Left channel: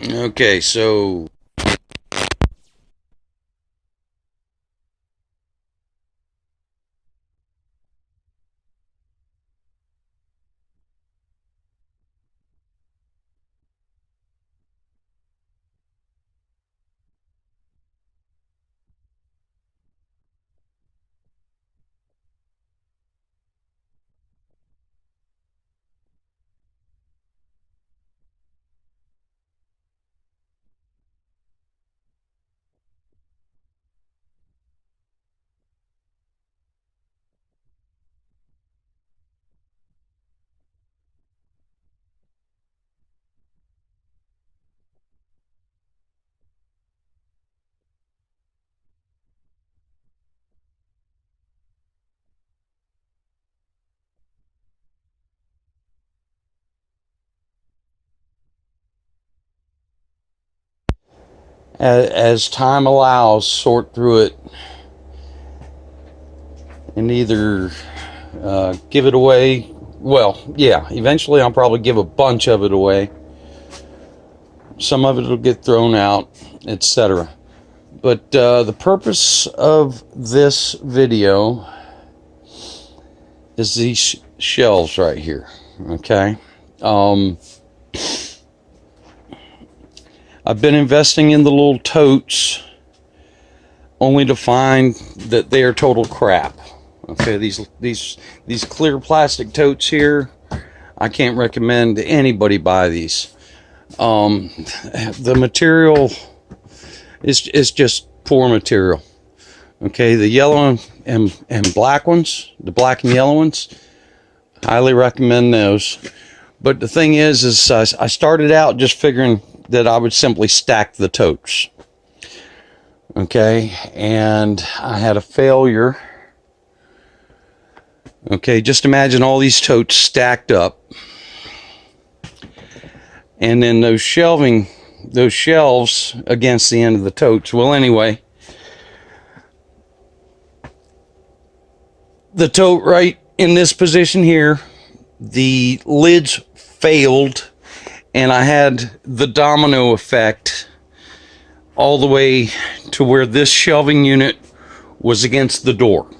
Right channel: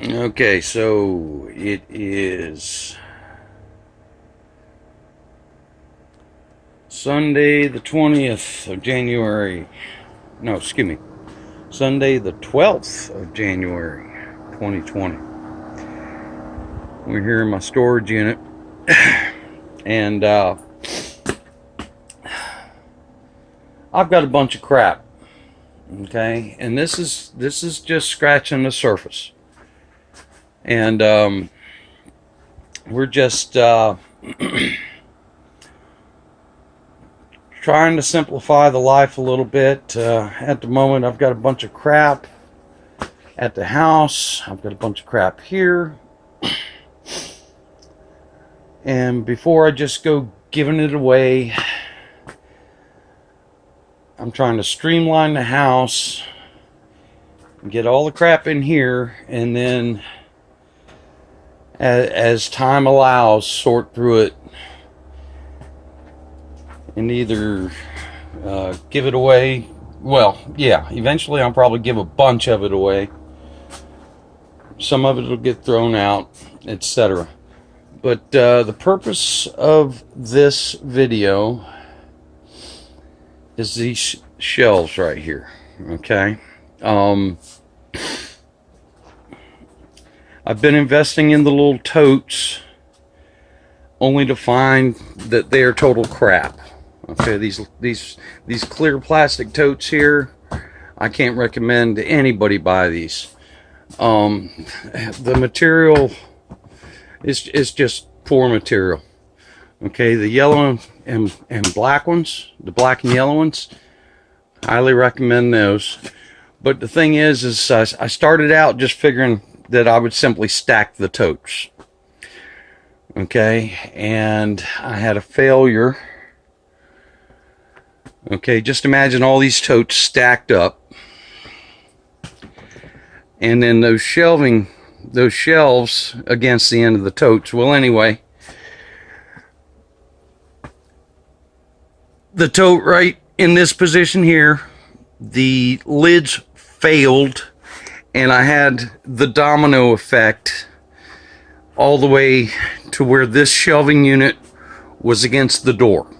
Okay, so it is Sunday the 20th of January. No, excuse me. Sunday the 12th of January 2020. We're here in my storage unit and I've got a bunch of crap. Okay, and this is just scratching the surface. And we're just trying to simplify the life a little bit. At the moment, I've got a bunch of crap at the house. I've got a bunch of crap here. And before I just go giving it away, I'm trying to streamline the house, get all the crap in here, and then as time allows, sort through it and either give it away. Well, yeah, eventually I'll probably give a bunch of it away. Some of it will get thrown out, etc. But the purpose of this video is these shelves right here. Okay. I've been investing in the little totes only to find that they are total crap. Okay, these clear plastic totes here, I can't recommend anybody buy these. The material is just poor material. Okay, the yellow and black ones, the black and yellow ones, highly recommend those. But the thing is I started out just figuring that I would simply stack the totes. Okay, and I had a failure. Okay, just imagine all these totes stacked up. And then those shelves against the end of the totes. Well, anyway, the tote right in this position here, the lids failed, and I had the domino effect all the way to where this shelving unit was against the door.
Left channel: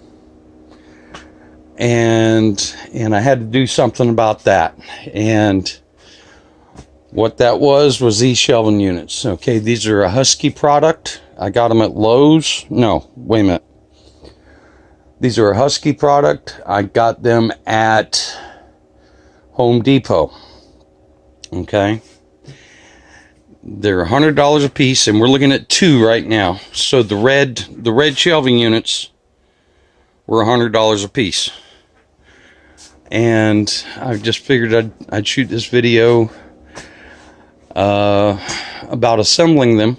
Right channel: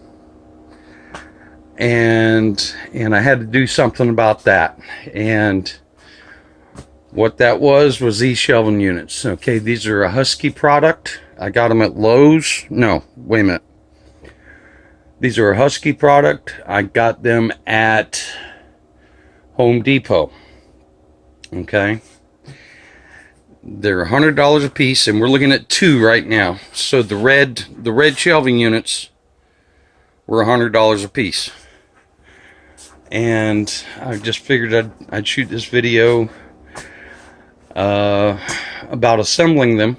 And I had to do something about that. And what that was these shelving units. Okay, these are a Huskey product. I got them at Lowe's. No, wait a minute. These are a Huskey product. I got them at Home Depot. Okay. They're $100 a piece, and we're looking at two right now. So the red shelving units were $100 a piece. And I just figured I'd shoot this video about assembling them,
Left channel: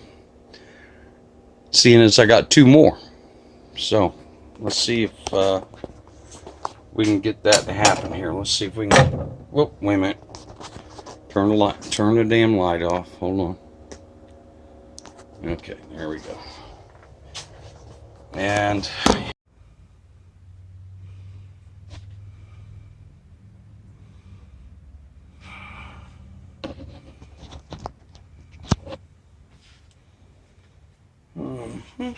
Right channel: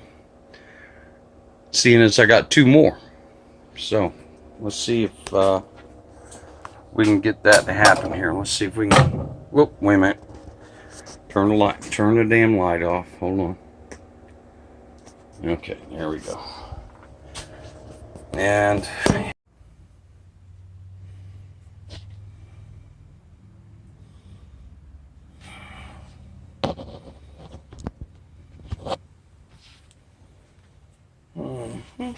seeing as I got two more. So let's see if we can get that to happen here. Let's see if we can. Whoop! Wait a minute. Turn the damn light off. Hold on. Okay, there we go. And I'm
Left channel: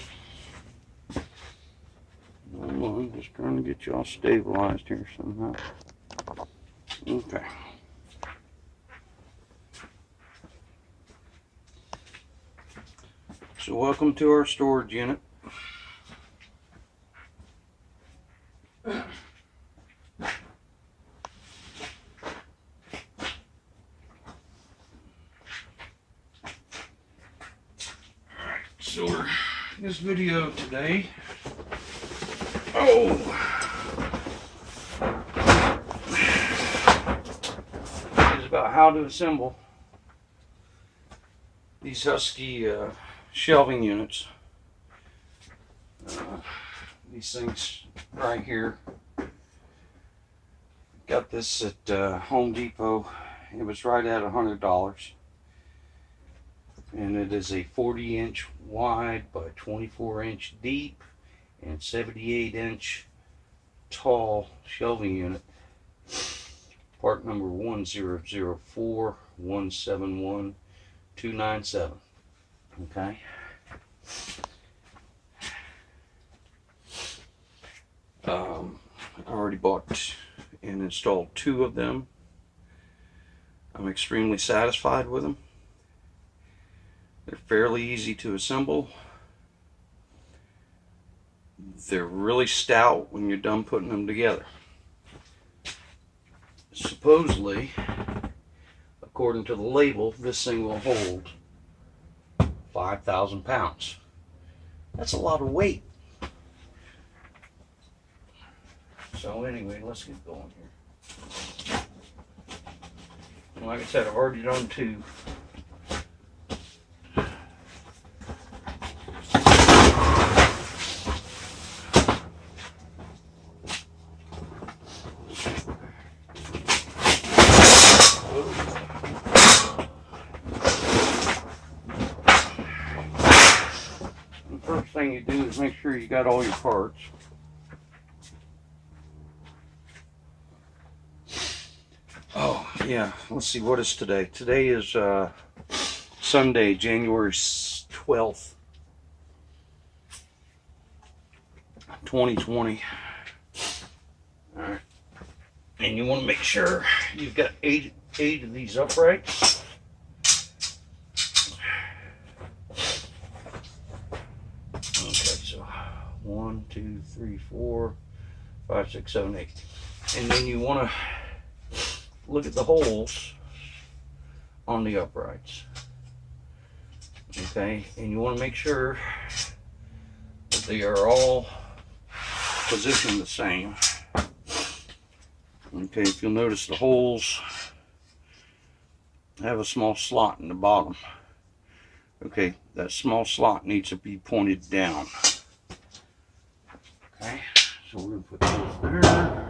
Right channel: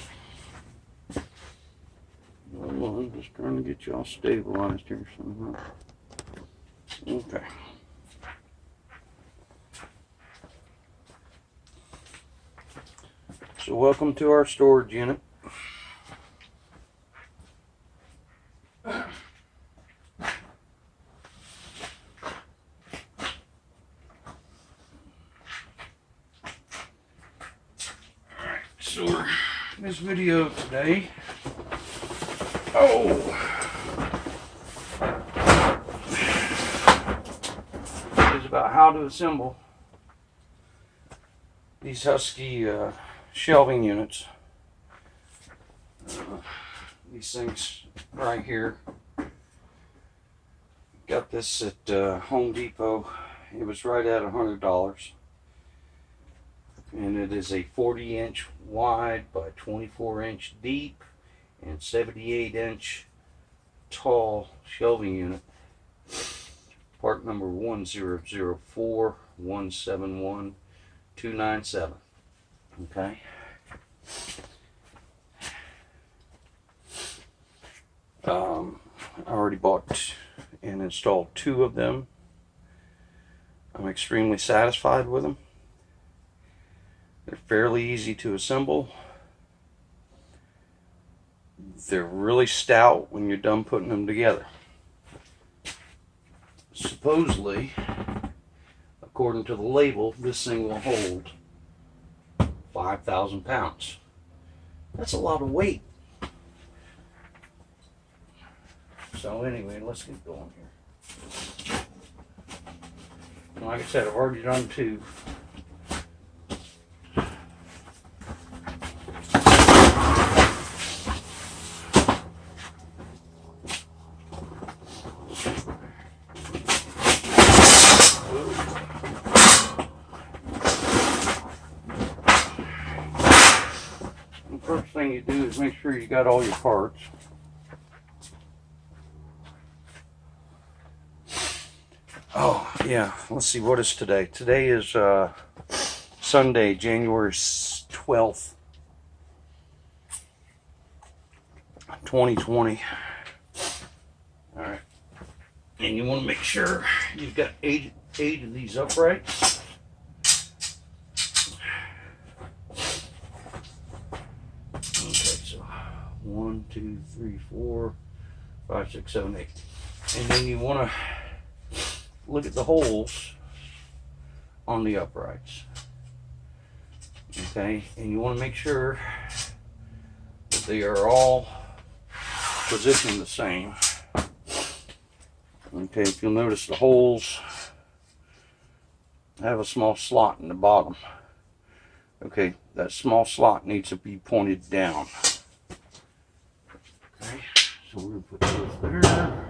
just trying to get y'all stabilized here somehow. Okay. So welcome to our storage unit. So this video today, is about how to assemble these Huskey shelving units. These things right here. Got this at Home Depot. It was right at $100. And it is a 40-inch wide by 24-inch deep and 78-inch tall shelving unit. Part number 1004171 $297. Okay. I already bought and installed 2 of them. I'm extremely satisfied with them. They're fairly easy to assemble. They're really stout when you're done putting them together. Supposedly, according to the label, this thing will hold 5,000 pounds. That's a lot of weight. So anyway, let's get going here. Like I said, I've already done 2. The first thing you do is make sure you got all your parts. Oh, yeah, let's see, what is today? Today is Sunday, January 12th, 2020. All right, and you want to make sure you've got eight of these uprights. Okay, so 1, 2, 3, 4, 5, 6, 7, 8, and then you want to look at the holes on the uprights. Okay, and you want to make sure that they are all positioned the same. Okay, if you'll notice, the holes have a small slot in the bottom. Okay, that small slot needs to be pointed down. Okay, so we're going to put those there.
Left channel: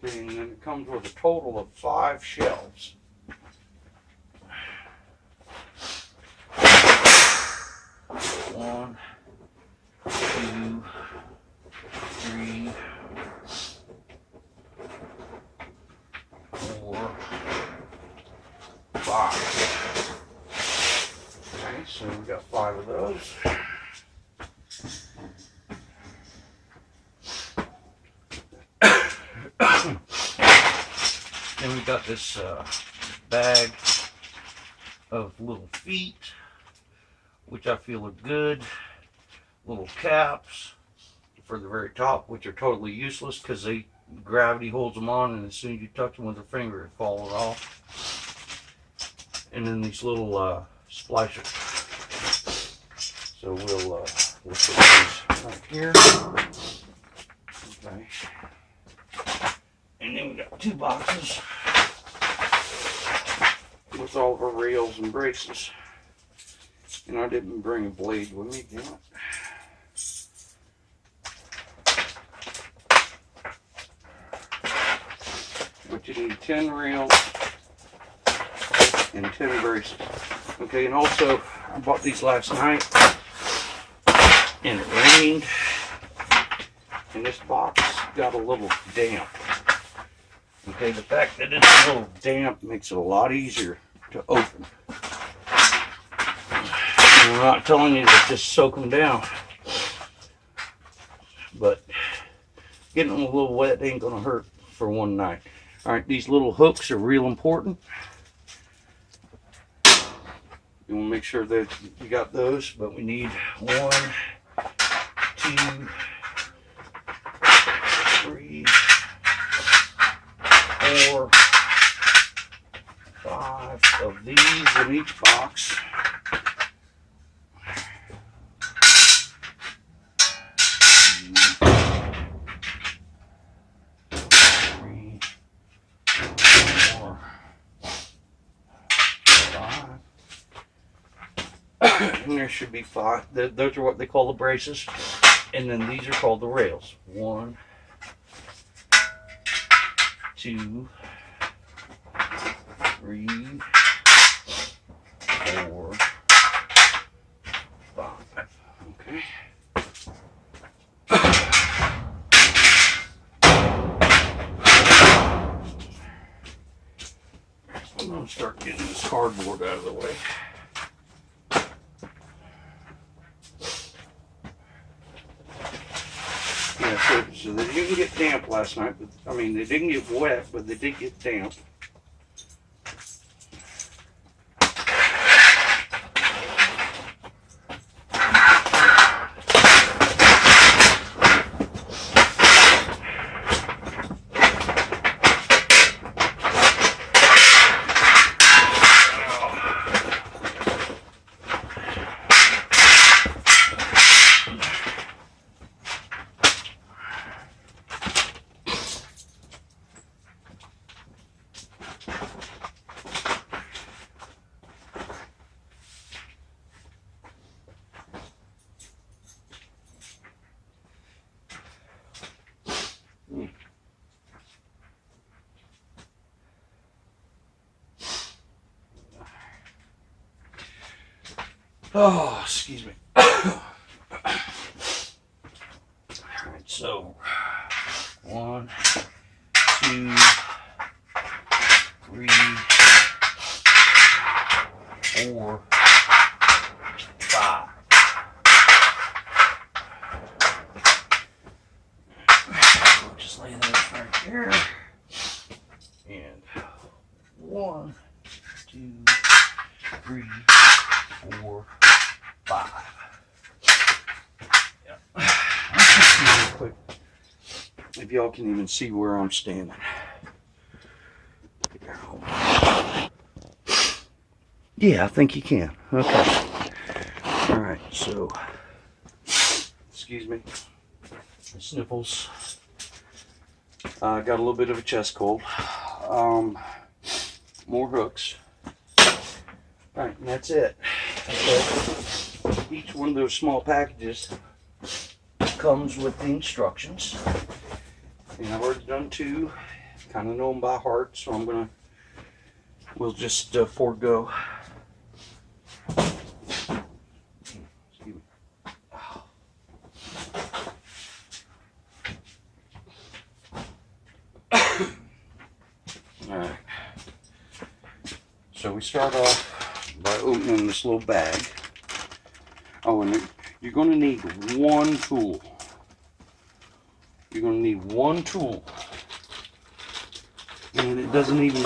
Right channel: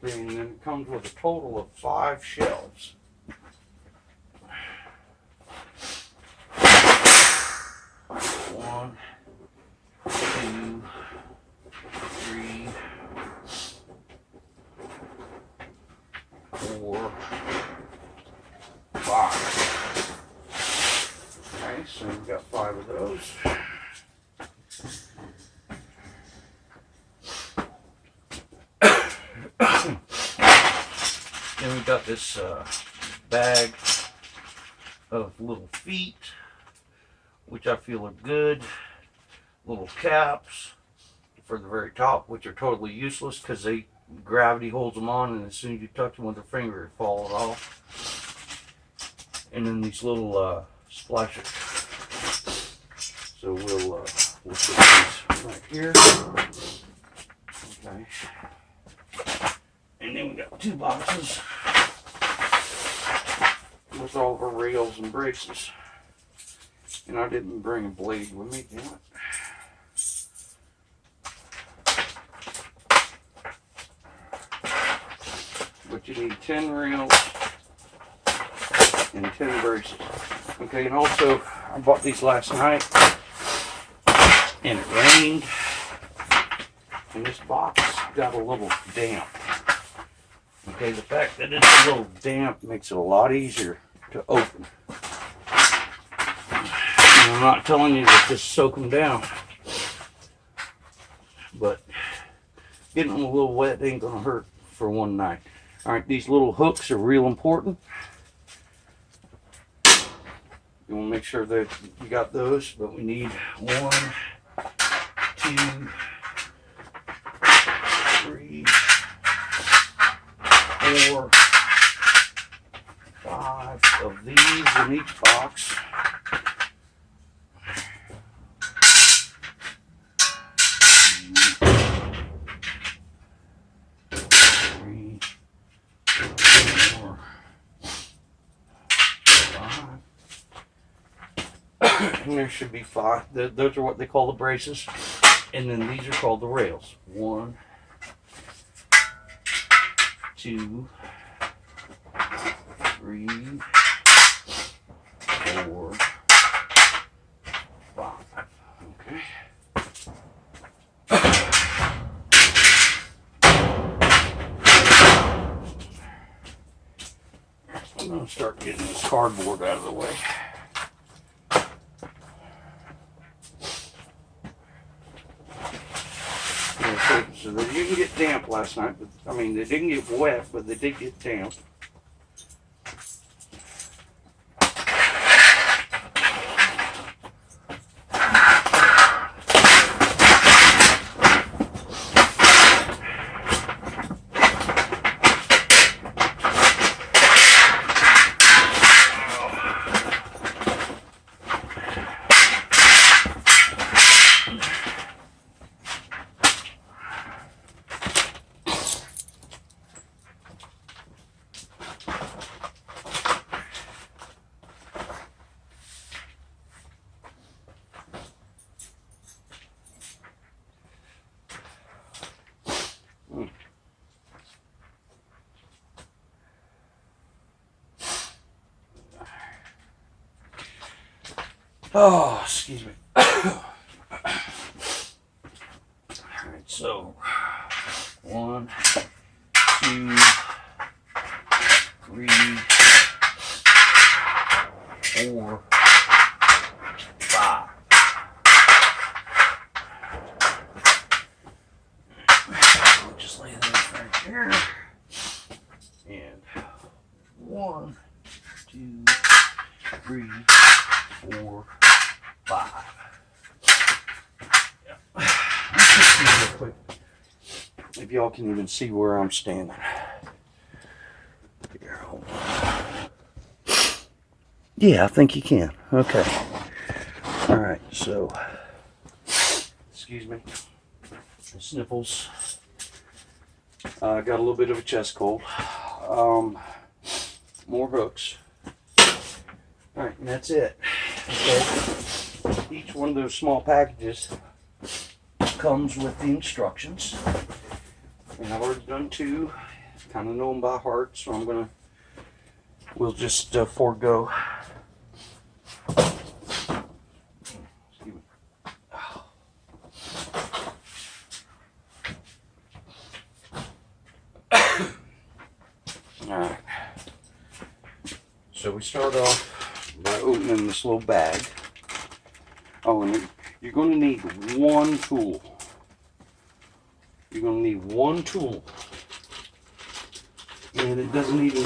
And then it comes with a total of 5 shelves. One, 2, 3, 4, 5. Okay, so we've got 5 of those. Then we got this bag of little feet, which I feel are good. Little caps for the very top, which are totally useless because gravity holds them on, and as soon as you touch them with your finger, it falls off. And then these little splashers. So we'll put these right here. Okay. And then we got 2 boxes with all of our rails and braces. And I didn't bring a blade with me, damn it. But you need 10 rails and 10 braces. Okay, and also I bought these last night and it rained and this box got a little damp. Okay, the fact that it's a little damp makes it a lot easier to open. And I'm not telling you to just soak them down, but getting them a little wet ain't gonna hurt for one night. All right, these little hooks are real important. You want to make sure that you got those, but we need 1, 2, 3, 4, 5 of these in each box. And there should be 5. Those are what they call the braces. And then these are called the rails. 1, 2, 3, 4, 5. Okay. I'm going to gonna start getting this cardboard out of the way. Yeah, so they didn't get damp last night, but I mean they didn't get wet, but they did get damp. Oh, excuse me. All right, so 1, 2, 3, 4, 5. Just lay those right here. And 1, 2, 3, 4, 5. Yeah. Let's just see real quick if y'all can even see where I'm standing. Here, hold on. Yeah, I think you can. Okay. All right. So, excuse me. Sniffles. Got a little bit of a chest cold. More hooks. All right, and that's it. Okay. Each one of those small packages comes with the instructions, and I've already done 2. Kind of know them by heart, so we'll just forego. All right. So we start off by opening this little bag. Oh, and you're going to need one tool. You're going to need one tool. And it doesn't even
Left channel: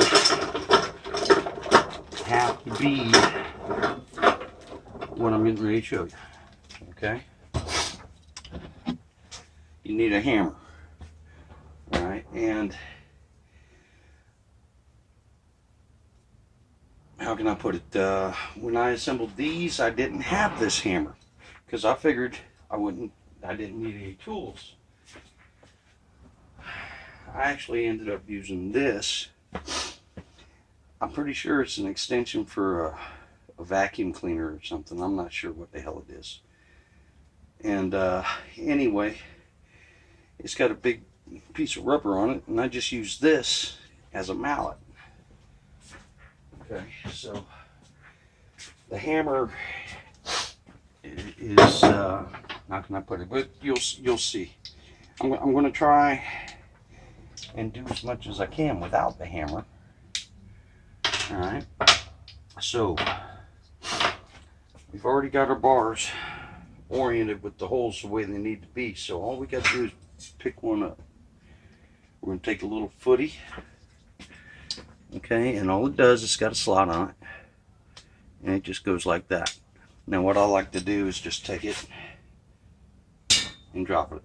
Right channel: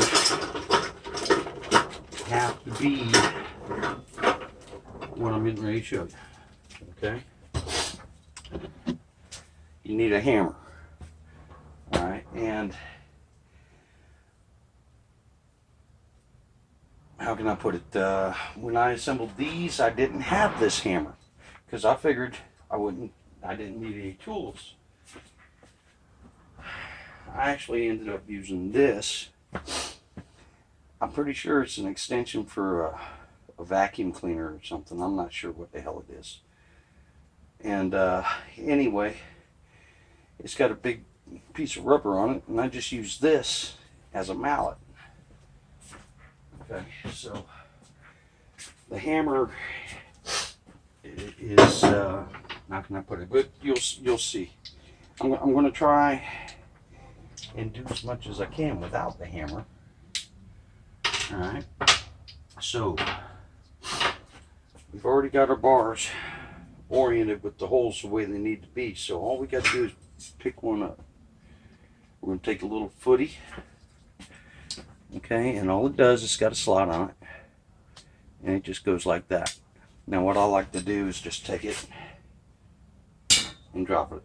have to be what I'm getting ready to show you. Okay? You need a hammer. Alright, and how can I put it? When I assembled these, I didn't have this hammer because I figured I didn't need any tools. I actually ended up using this. I'm pretty sure it's an extension for a vacuum cleaner or something. I'm not sure what the hell it is. And anyway, it's got a big piece of rubber on it, and I just use this as a mallet. Okay, so the hammer is how can I put it? But you'll see. I'm going to try and do as much as I can without the hammer. All right. So we've already got our bars oriented with the holes the way they need to be. So all we got to do is pick one up. We're going to take a little footy. Okay, and all it does is it's got a slot on it, and it just goes like that. Now what I like to do is just take it and drop it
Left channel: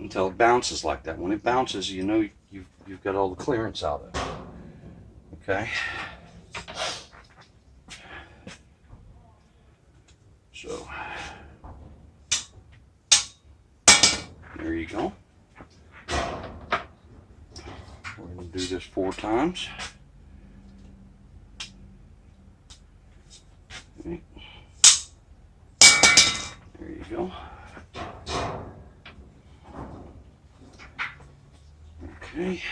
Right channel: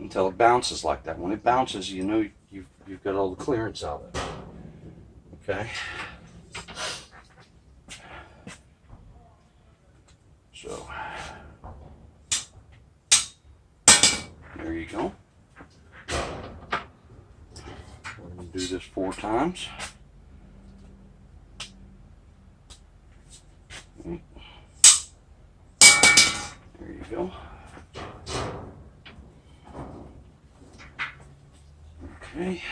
until it bounces like that. When it bounces, you know you've got all the clearance out of it. Okay, so there you go. We're going to do this 4 times. Okay. There you go. Okay.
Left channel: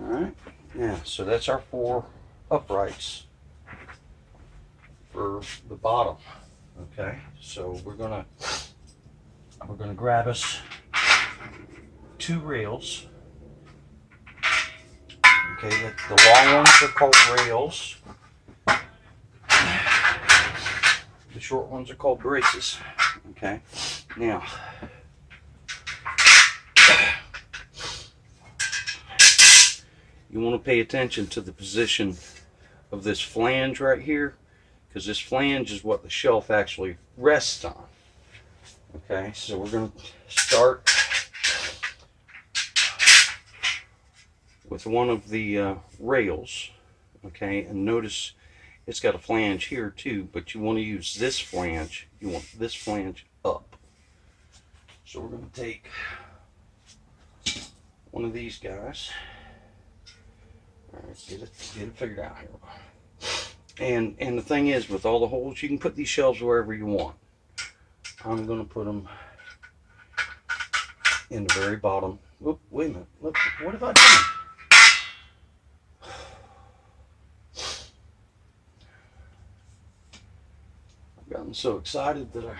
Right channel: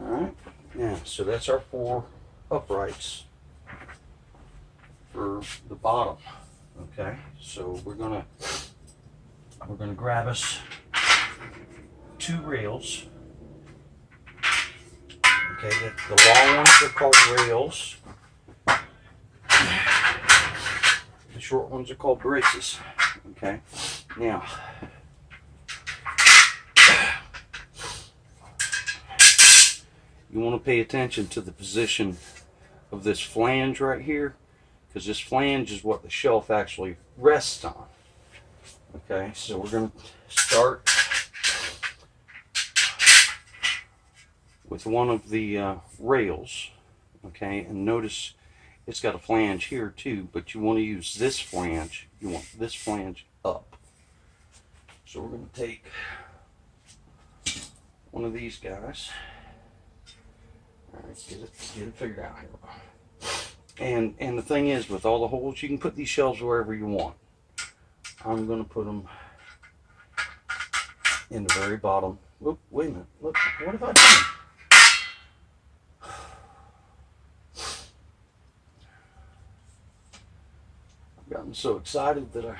All right. Yeah, so that's our 4 uprights for the bottom. Okay, so we're gonna grab us two rails. Okay, the long ones are called rails. The short ones are called braces. Okay, now you want to pay attention to the position of this flange right here, because this flange is what the shelf actually rests on. Okay, so we're going to start with one of the rails. Okay, and notice it's got a flange here too, but you want to use this flange. You want this flange up. So we're going to take one of these guys. All right, get it figured out here. And the thing is, with all the holes, you can put these shelves wherever you want. I'm going to put them in the very bottom. Oop, wait a minute. Look, what have I done? I've gotten so excited that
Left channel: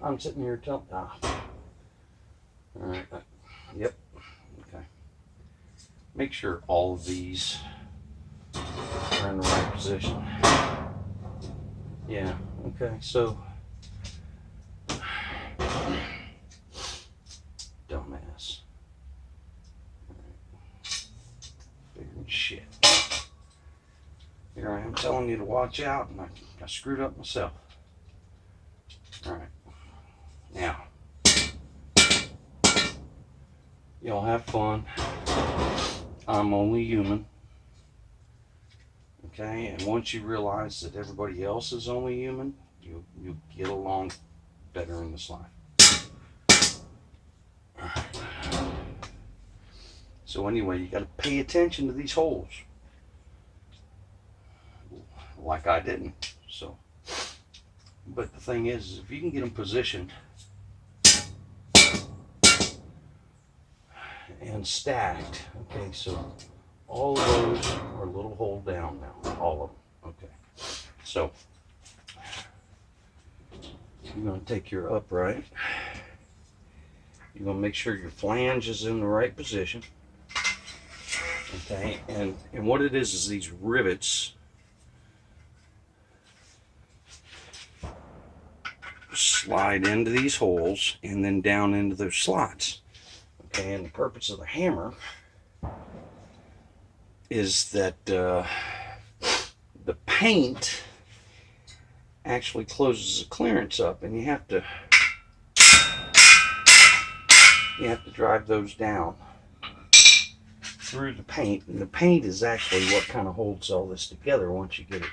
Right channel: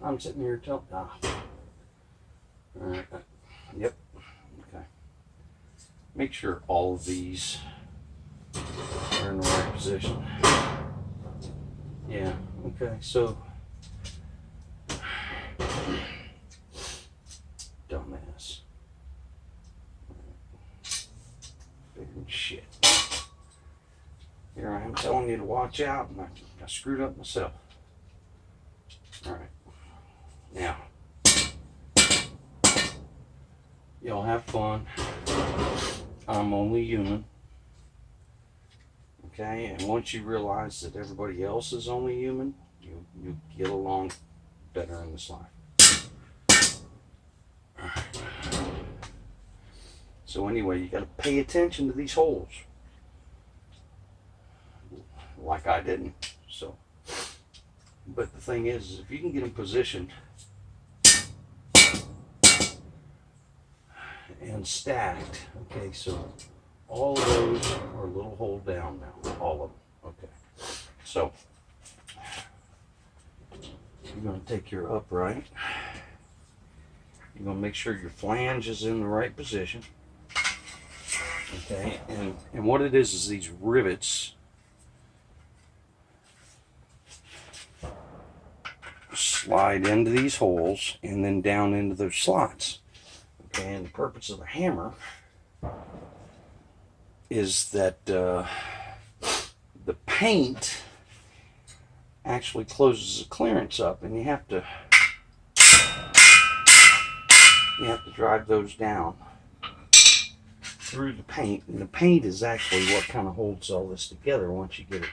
I'm sitting here telling. All right. Yep. Okay. Make sure all of these are in the right position. Yeah. Okay. So, dumbass. Bigger than shit. Here I am telling you to watch out, and I screwed up myself. All right. Now, y'all have fun. I'm only human. Okay, and once you realize that everybody else is only human, you get along better in this life. So anyway, you got to pay attention to these holes, like I didn't. So, but the thing is if you can get them positioned and stacked, okay, so all of those are a little hole down now, all of them. Okay, so you're going to take your upright, you're going to make sure your flange is in the right position. Okay, and what it is these rivets slide into these holes and then down into those slots. Okay, and the purpose of the hammer is that the paint actually closes the clearance up, and you have to drive those down through the paint, and the paint is actually what kind of holds all this together once you get it.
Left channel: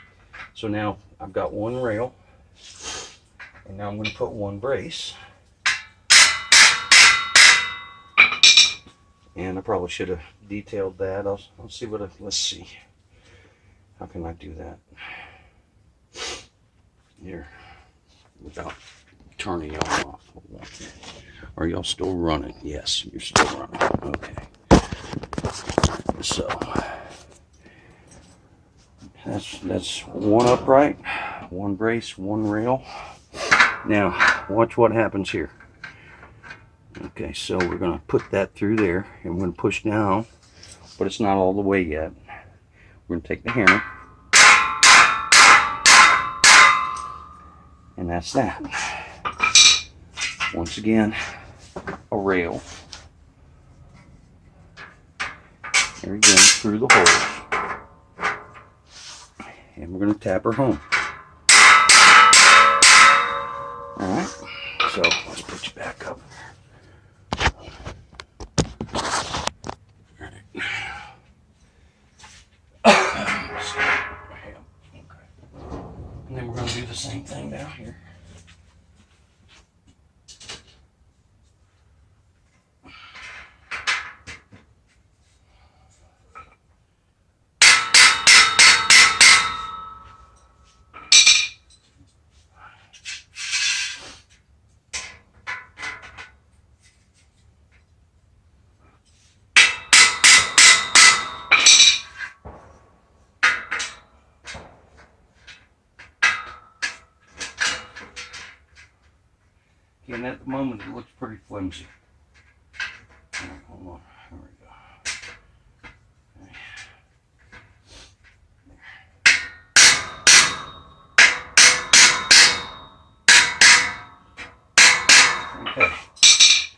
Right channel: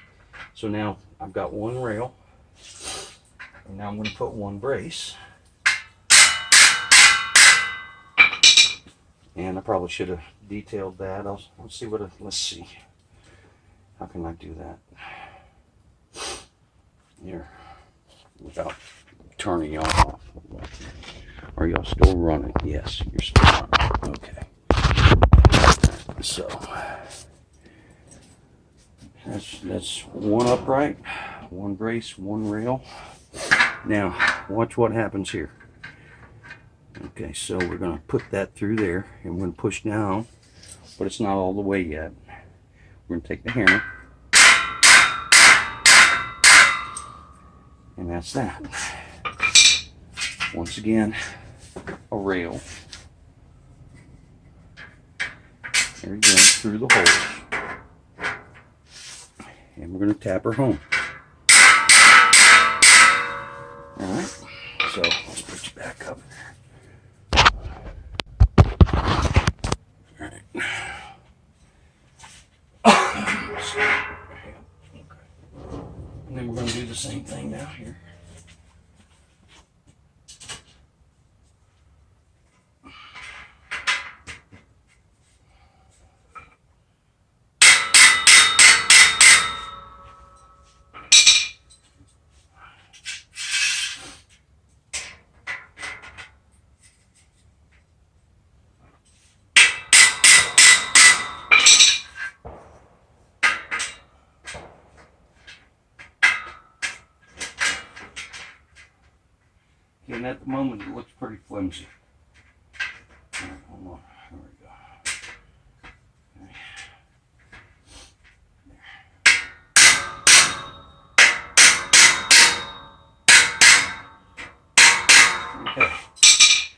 So now I've got one rail, and now I'm going to put one brace. And I probably should have detailed that. I'll see what let's see. How can I do that here without turning y'all off? Are y'all still running? Yes, you're still running. Okay. So that's one upright, one brace, one rail. Now watch what happens here. Okay, so we're going to put that through there, and we're going to push down, but it's not all the way yet. We're going to take the hammer, and that's that. Once again, a rail. There we go, through the holes. And we're going to tap her home. Alright, so let's put you back up. Alright. And then we're going to do the same thing down here. and at the moment it looks pretty flimsy. All right, hold on. There we go. Okay. Okay.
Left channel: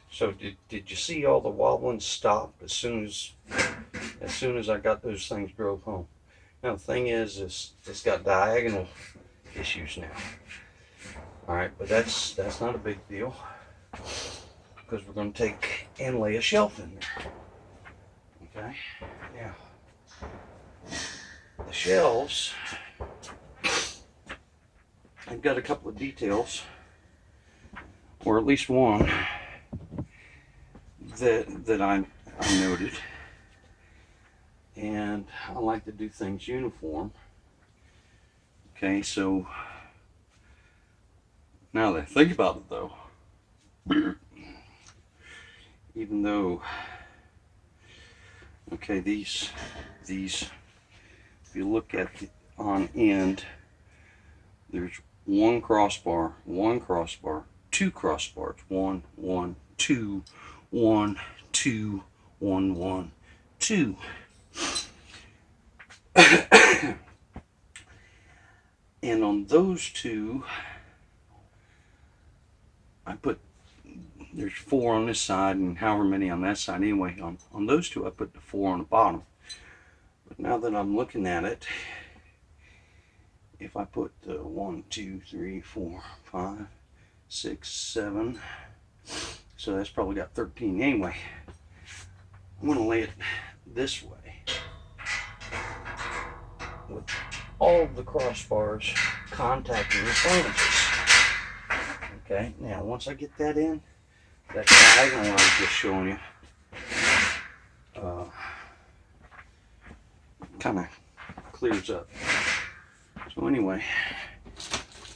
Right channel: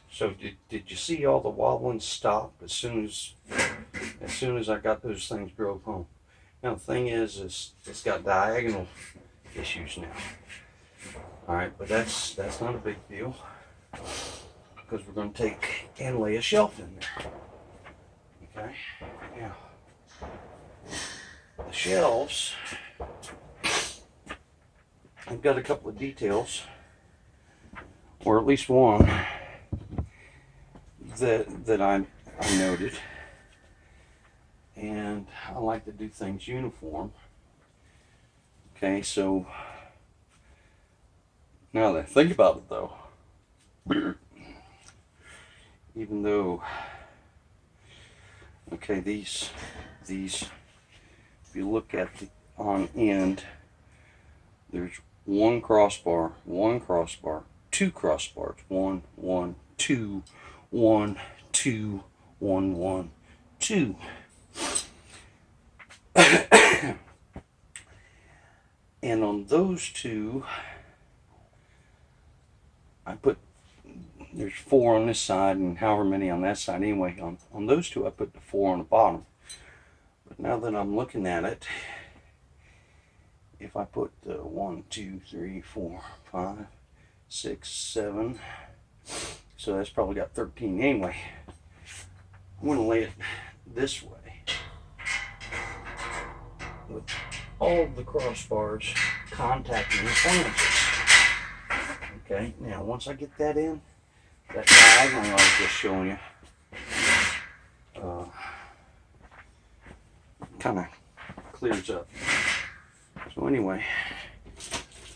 So did you see all the wobbling stop as soon as I got those things drove home? Now the thing is it's got diagonal issues now. All right, but that's not a big deal because we're going to take and lay a shelf in there. Okay. Now the shelves, I've got a couple of details, or at least one that I noted, and I like to do things uniform. Okay, so now that I think about it though, even though, okay, these, if you look at the on end, there's one crossbar, two crossbars, one, 2, 1, 2, 1, 1, 2. And on those two, I put, there's 4 on this side and however many on that side. Anyway, on those two, I put the 4 on the bottom. But now that I'm looking at it, if I put 1, 2, 3, 4, 5, 6, 7, so that's probably got 13 anyway. I'm going to lay it this way with all the crossbars contacting the flanges. Okay, now once I get that in, that diagonal I was just showing you kind of clears up. So anyway,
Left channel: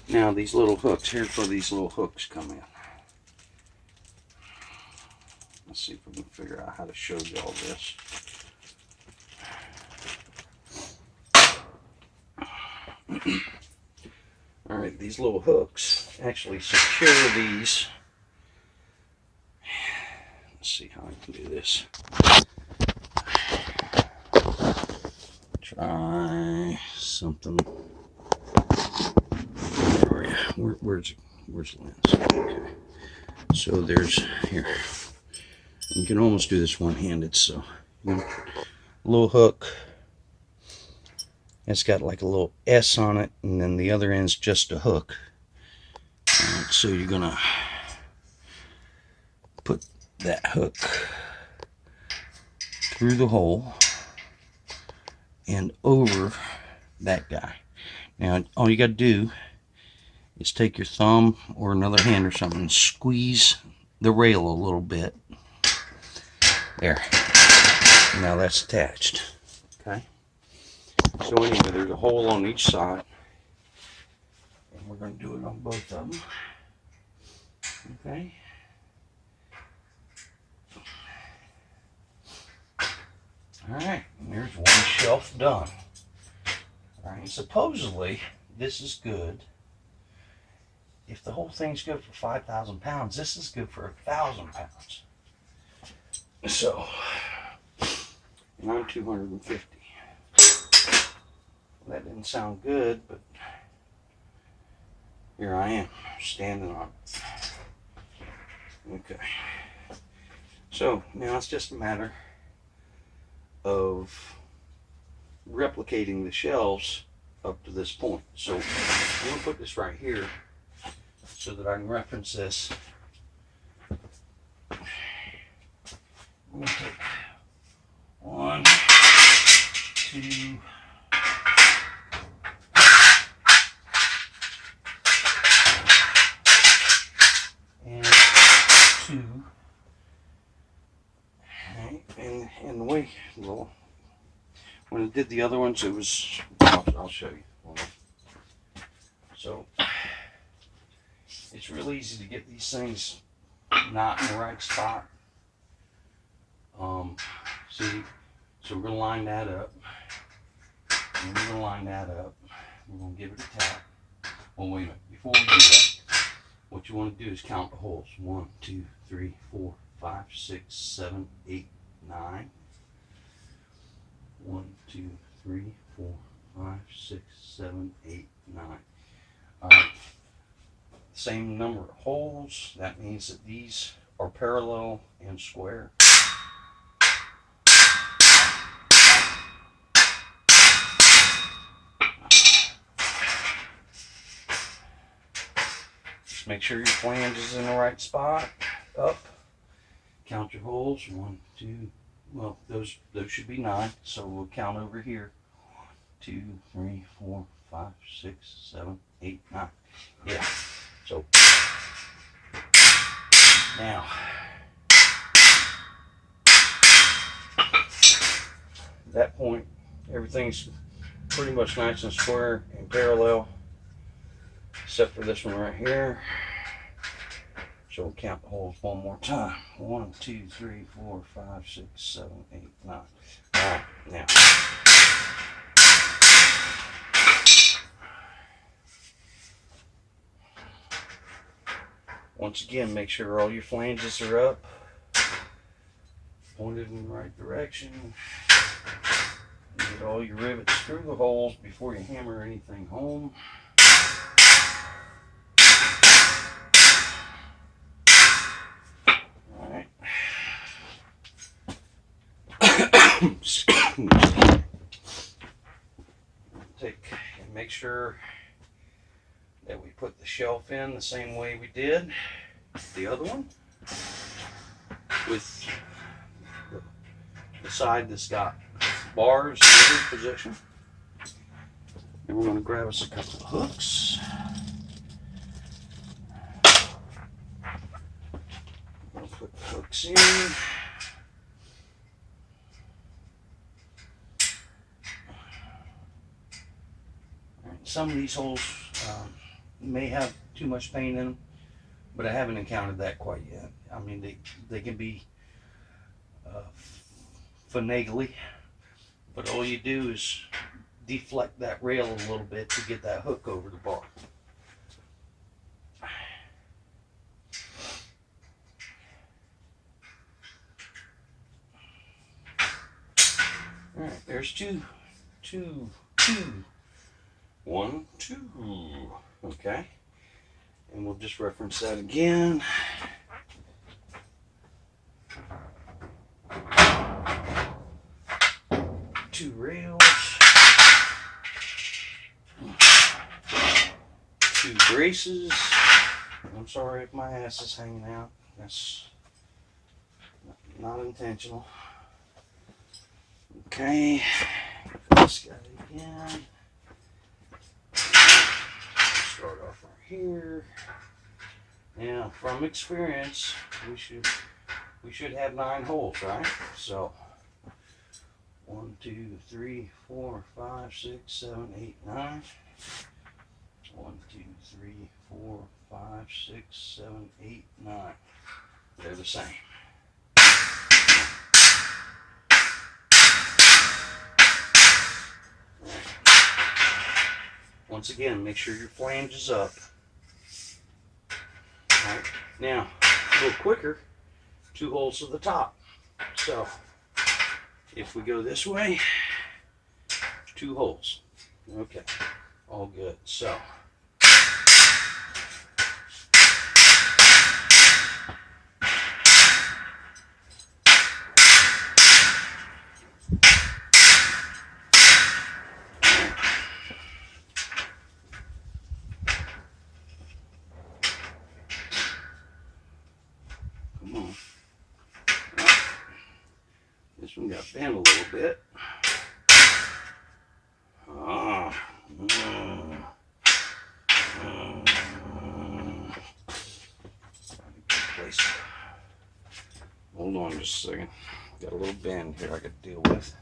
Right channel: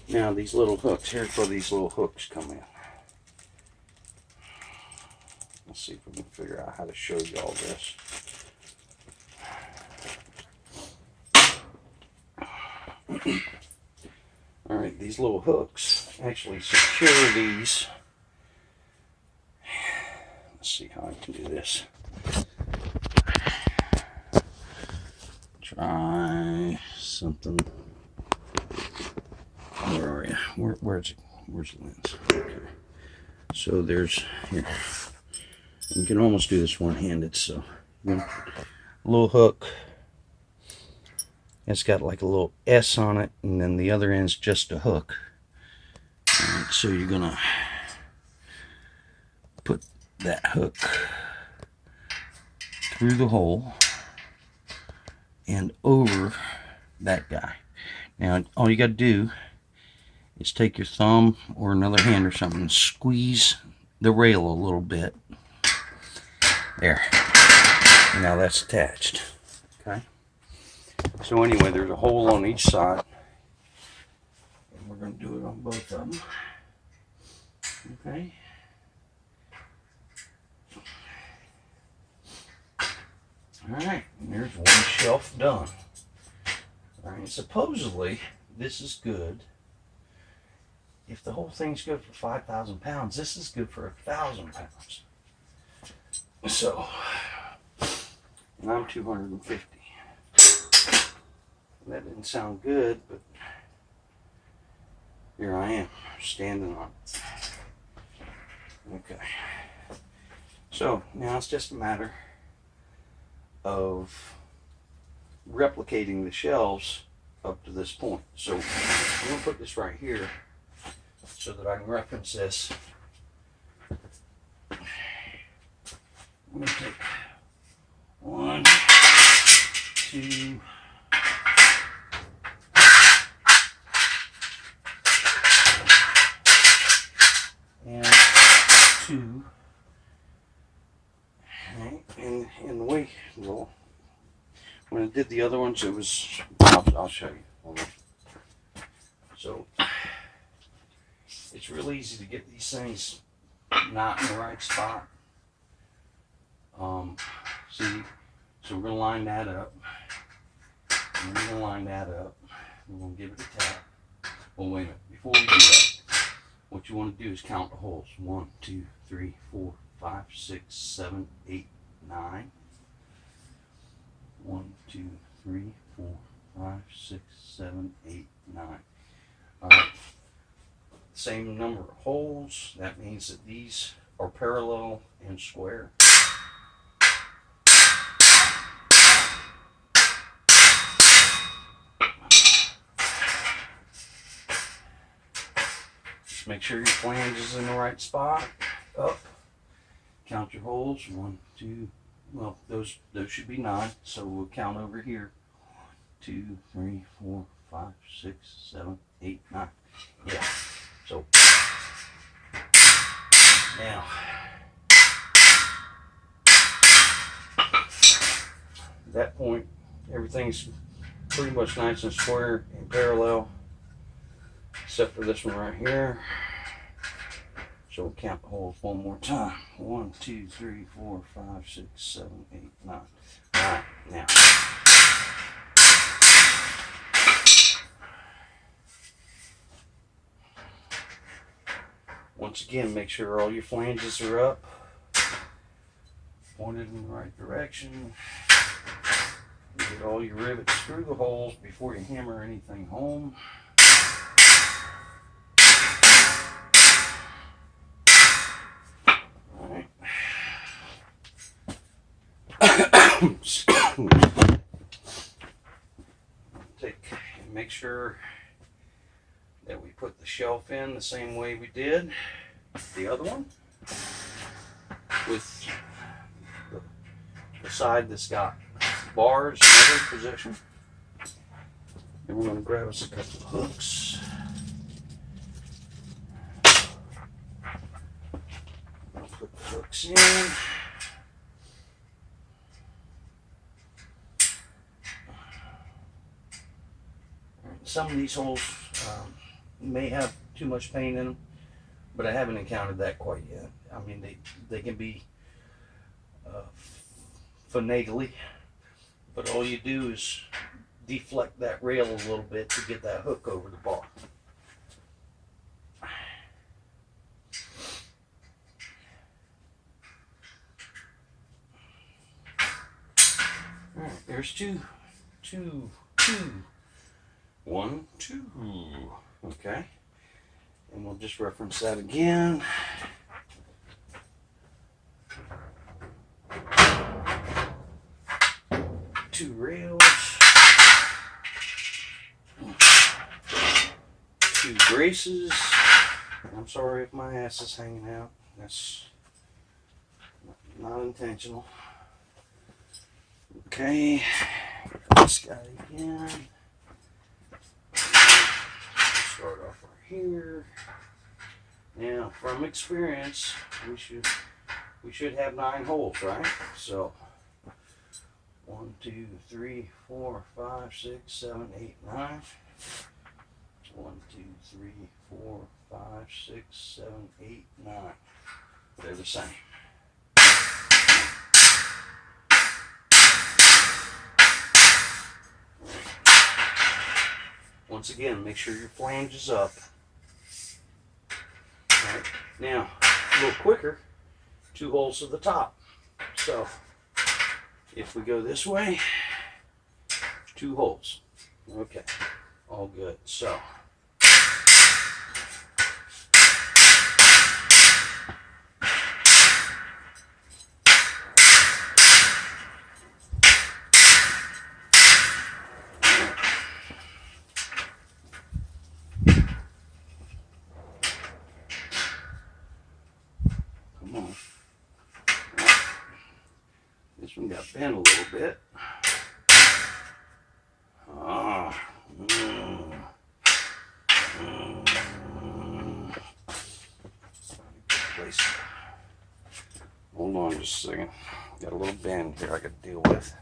now these little hooks, here's where these little hooks come in. Let's see if we can figure out how to show you all this. All right, these little hooks actually secure these. Let's see how I can do this. Try something. Where are you? Where's the lens? Okay. So there's here. You can almost do this one-handed. So a little hook. It's got like a little S on it, and then the other end's just a hook. All right, so you're gonna put that hook through the hole and over that guy. Now all you got to do is take your thumb or another hand or something and squeeze the rail a little bit. There. Now that's attached. Okay. So anyway, there's a hole on each side, and we're going to do it on both of them. Okay. All right, and there's one shelf done. All right, supposedly this is good. If the whole thing's good for 5,000 pounds, this is good for 1,000 pounds. So, and I'm 250. That didn't sound good, but here I am, standing on it. Okay. So, now it's just a matter of replicating the shelves up to this point. So, I'm going to put this right here so that I can reference this. I'm going to take 1, 2, and 2. Okay. And the way, well, when I did the other ones, it was, I'll show you. So, it's real easy to get these things not in the right spot. See, so we're going to line that up. And we're going to line that up. We're going to give it a tap. Well, wait a minute. Before we do that, what you want to do is count the holes. 1, 2, 3, 4, 5, 6, 7, 8, 9. 1, 2, 3, 4, 5, 6, 7, 8, 9. All right. Same number of holes. That means that these are parallel and square. Just make sure your flange is in the right spot. Up. Count your holes. 1, 2. Well, those should be 9. So we'll count over here. 1, 2, 3, 4, 5, 6, 7, 8, 9. Yeah. So now at that point, everything's pretty much nice and square and parallel, except for this one right here. So we'll count the holes one more time. 1, 2, 3, 4, 5, 6, 7, 8, 9. All right, now. Once again, make sure all your flanges are up, pointed in the right direction. Get all your rivets through the holes before you hammer anything home. All right. Make sure that we put the shelf in the same way we did the other one, with the side that's got bars in every position. And we're going to grab us a couple of hooks. I'll put the hooks in. Some of these holes may have too much paint in them, but I haven't encountered that quite yet. I mean, they can be finagly, but all you do is deflect that rail a little bit to get that hook over the bar. All right, there's two. 1, 2. Okay. And we'll just reference that again. Two rails. 2 braces. I'm sorry if my ass is hanging out. That's not intentional. Okay. This guy again. Start off right here. Now, from experience, we should have 9 holes, right? So 1, 2, 3, 4, 5, 6, 7, 8, 9. 1, 2, 3, 4, 5, 6, 7, 8, 9. They're the same. Once again, make sure your flange is up. All right. Now, a little quicker, 2 holes to the top. So, if we go this way, 2 holes. Okay, all good. So, come on. This one got bent a little bit. Place it. Hold on just a second. Got a little bend here I got to deal with.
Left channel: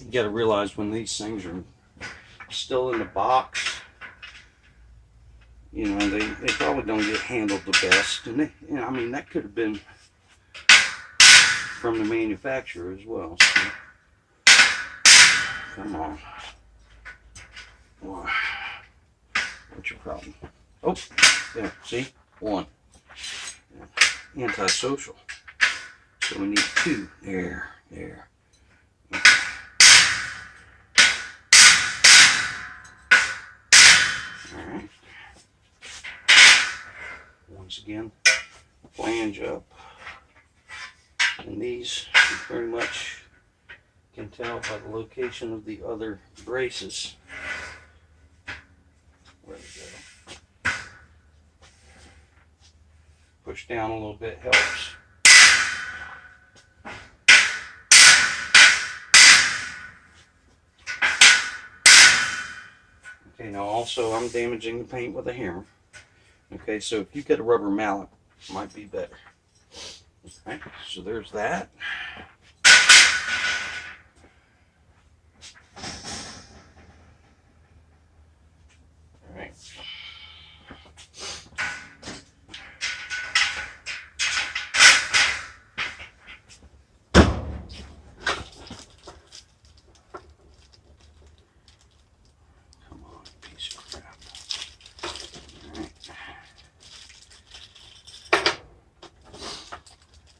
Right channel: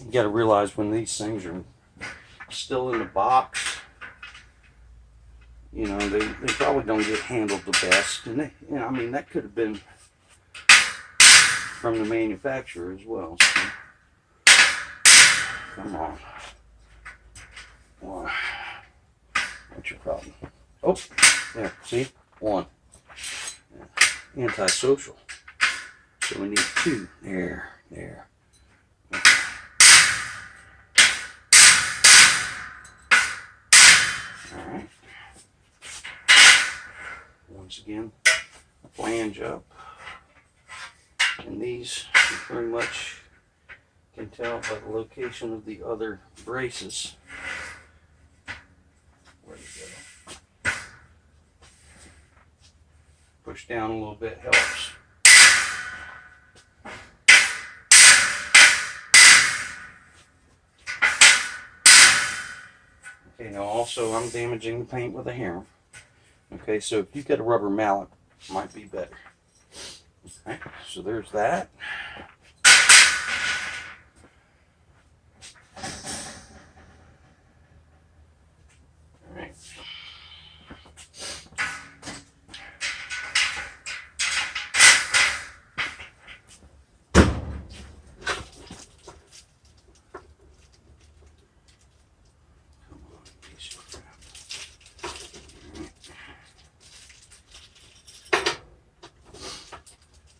You got to realize when these things are still in the box, you know, they probably don't get handled the best. And they, you know, I mean, that could have been from the manufacturer as well. So, come on. What's your problem? Oh, yeah, see? One. Antisocial. So we need two. There. Okay. Alright. Once again, flange up. And these, you pretty much can tell by the location of the other braces. Where to go. Push down a little bit helps. Okay, now also I'm damaging the paint with a hammer. Okay, so if you've got a rubber mallet, it might be better. Okay, so there's that. Alright.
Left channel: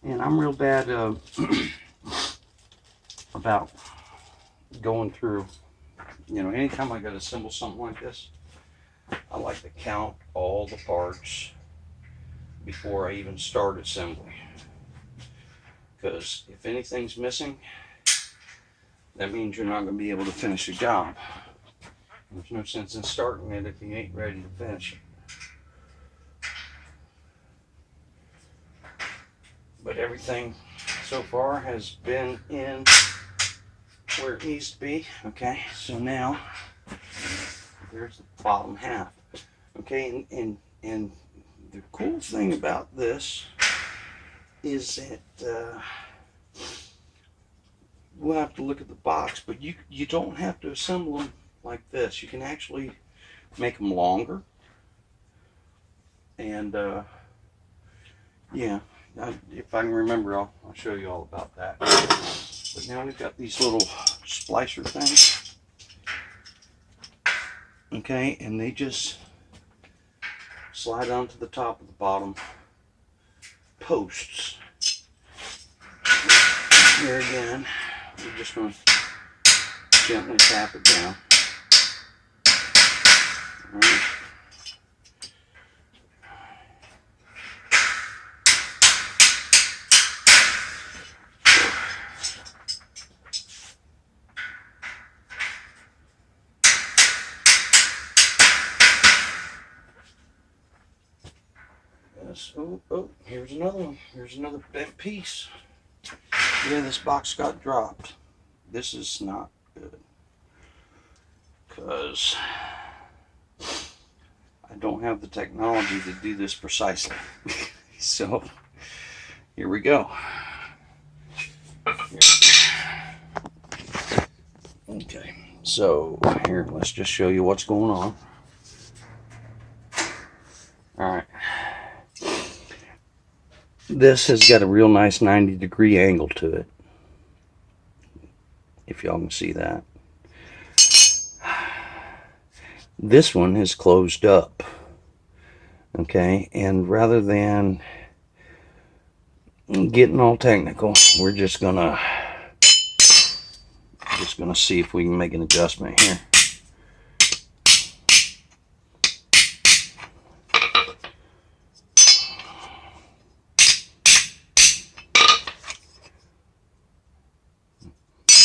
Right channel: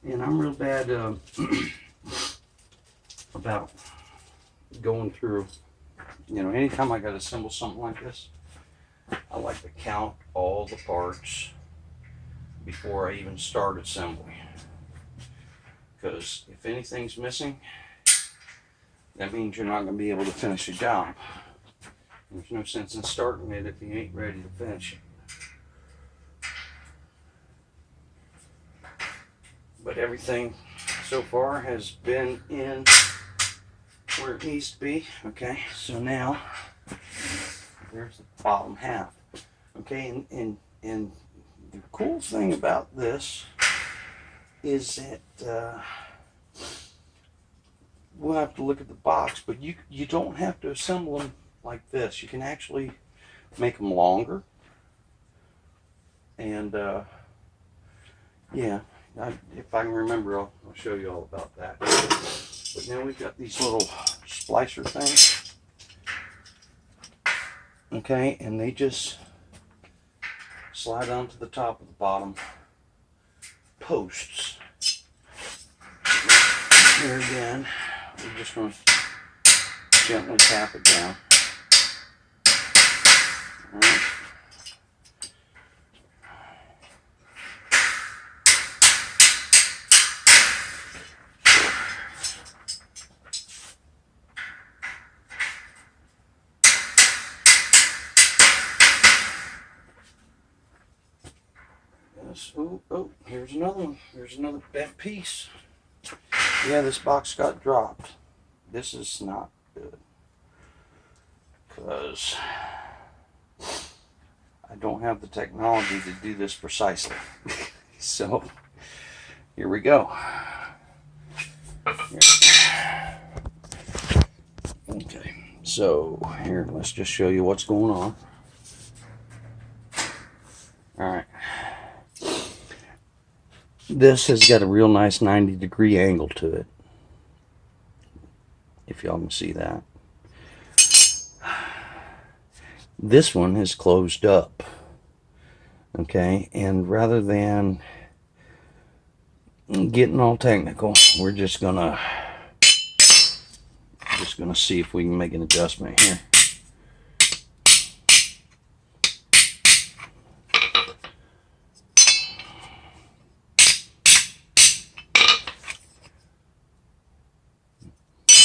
And I'm real bad about going through, you know, anytime I got to assemble something like this, I like to count all the parts before I even start assembly. Because if anything's missing, that means you're not going to be able to finish a job. There's no sense in starting it if you ain't ready to finish it. But everything so far has been in where it needs to be. Okay, so now there's the bottom half. Okay, and the cool thing about this is that we'll have to look at the box, but you don't have to assemble them like this. You can actually make them longer, and yeah. If I can remember, I'll show you all about that. But now we've got these little splicer things. Okay, and they just slide onto the top of the bottom posts. And here again, we're just going to gently tap it down. All right. Oh, here's another one. Here's another bent piece. Yeah, this box got dropped. This is not good, because I don't have the technology to do this precisely. So, here we go. Okay, so here, let's just show you what's going on. Alright. This has got a real nice 90-degree angle to it, if y'all can see that. This one is closed up, okay, and rather than getting all technical, we're just gonna see if we can make an adjustment here.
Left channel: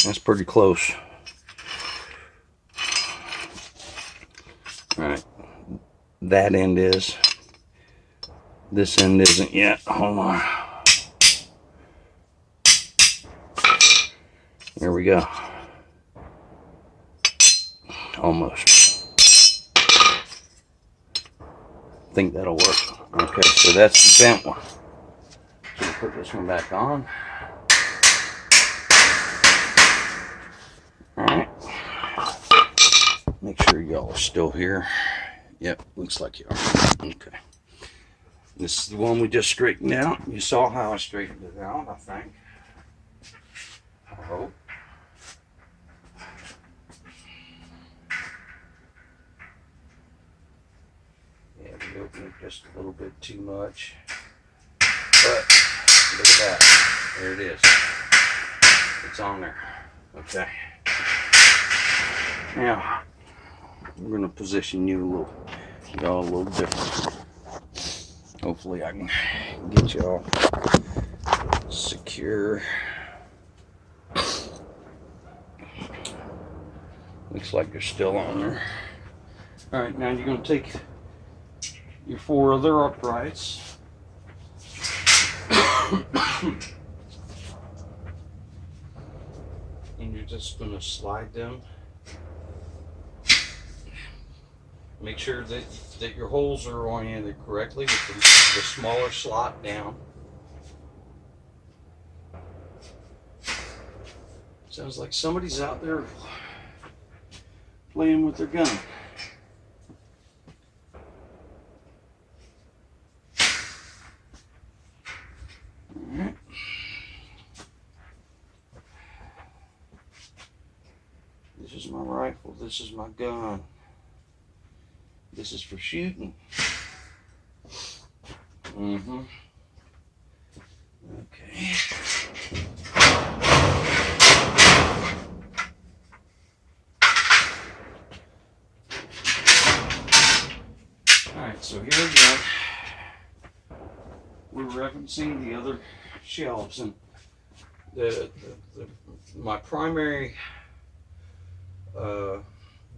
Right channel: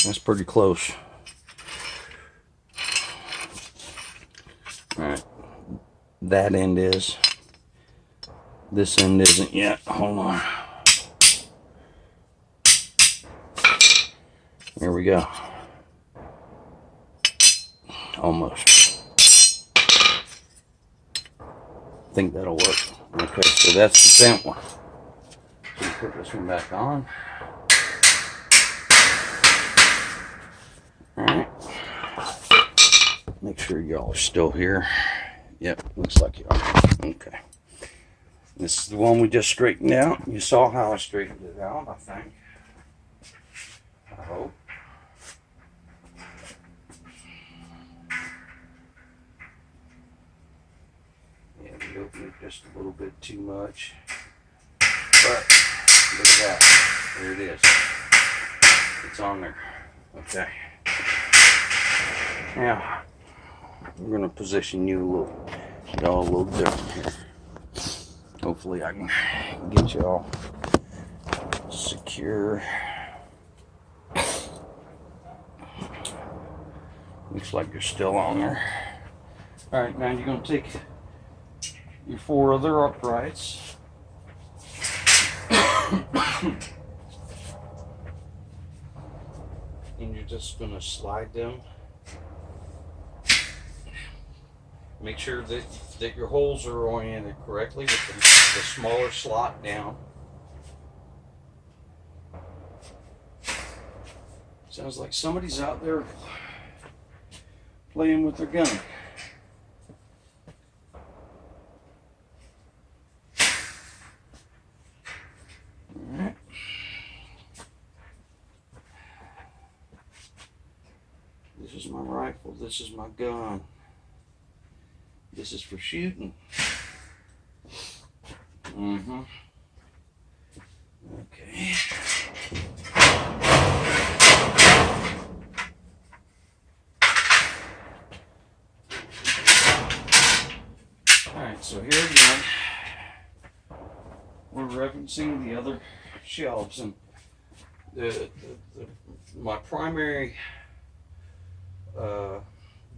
That's pretty close. Alright. That end is. This end isn't yet. Hold on. There we go. Almost. I think that'll work. Okay, so that's the bent one. So put this one back on. Alright. Make sure y'all are still here. Yep, looks like you are. Okay. This is the one we just straightened out. You saw how I straightened it out, I think. I hope. Maybe open it just a little bit too much. But look at that. There it is. It's on there. Okay. Now I'm going to position you a little different. Hopefully I can get you all secure. Looks like you're still on there. All right, now you're going to take your 4 other uprights. And you're just going to slide them. Make sure that your holes are oriented correctly with the smaller slot down. Sounds like somebody's out there playing with their gun. Alright. This is my rifle, this is my gun. This is for shooting. Okay. Alright, so here again, we're referencing the other shelves, and my primary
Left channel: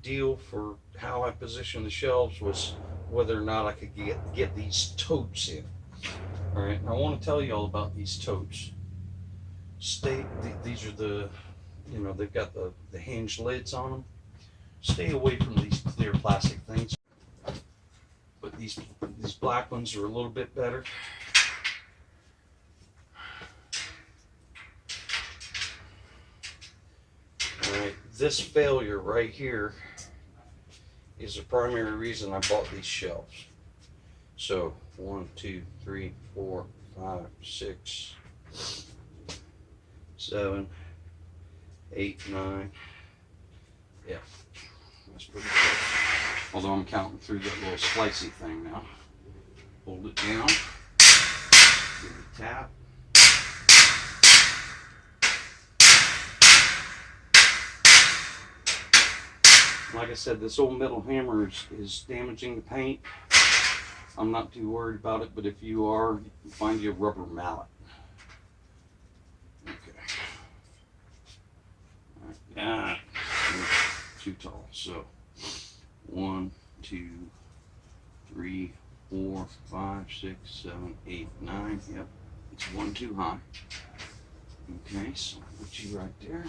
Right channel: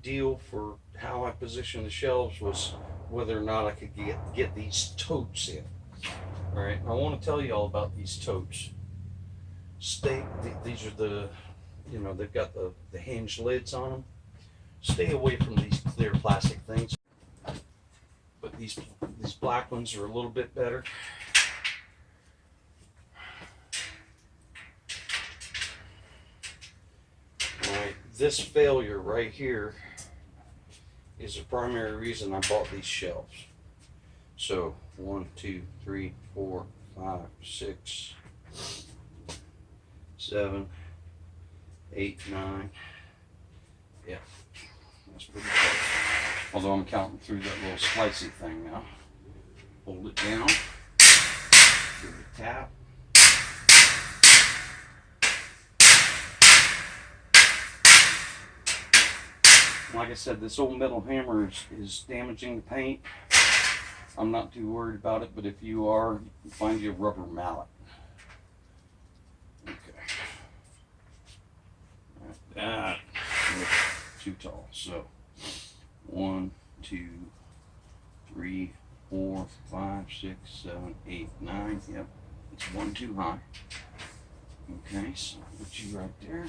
deal for how I position the shelves was whether or not I could get these totes in. All right, and I want to tell you all about these totes. These are the, they've got the hinged lids on them. Stay away from these clear plastic things. But these black ones are a little bit better. All right, this failure right here is the primary reason I bought these shelves. So 1, 2, 3, 4, 5, 6, 7, 8, 9. Yeah, that's pretty good. Although I'm counting through that little slicey thing now. Hold it down. Give it a tap. Like I said, this old metal hammer is damaging the paint. I'm not too worried about it, but if you are, find you a rubber mallet. Okay. That too tall. So 1, 2, 3, 4, 5, 6, 7, 8, 9. Yep, it's 1 too high. Okay, so I'll put you right there.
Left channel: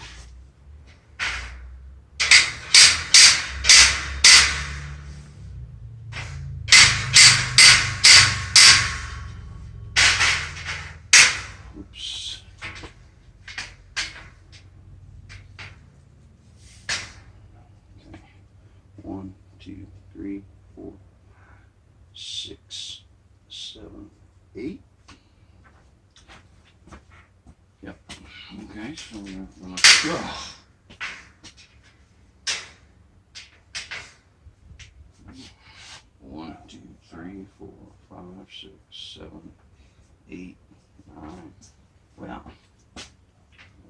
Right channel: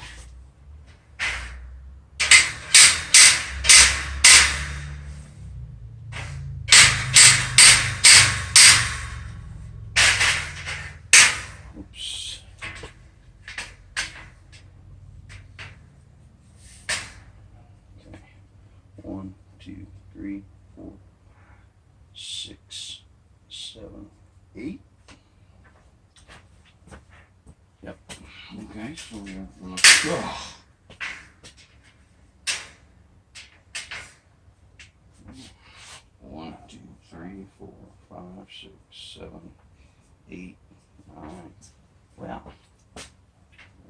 Oops. Okay. 1, 2, 3, 4, 6, 7, 8. Yep. Okay, so we're gonna go. 1, 2, 3, 4, 5, 6, 7, 8, 9. Well,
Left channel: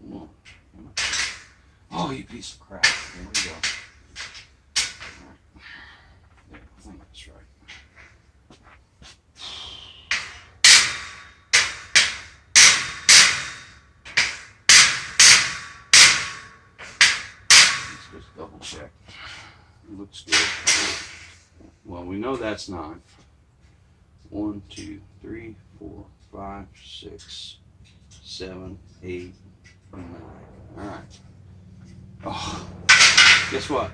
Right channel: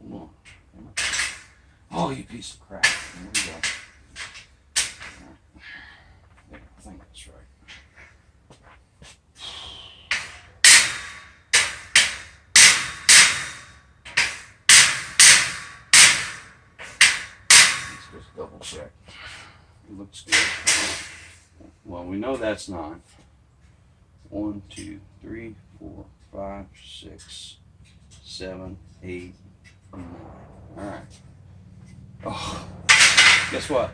hold on. Oh, you piece of crap. There we go. Right. I think that's right. Let's just double check. It looks good. Well, we know that's 9. 1, 2, 3, 4, 5, 6, 7, 8, 9. All right. Oh, guess what?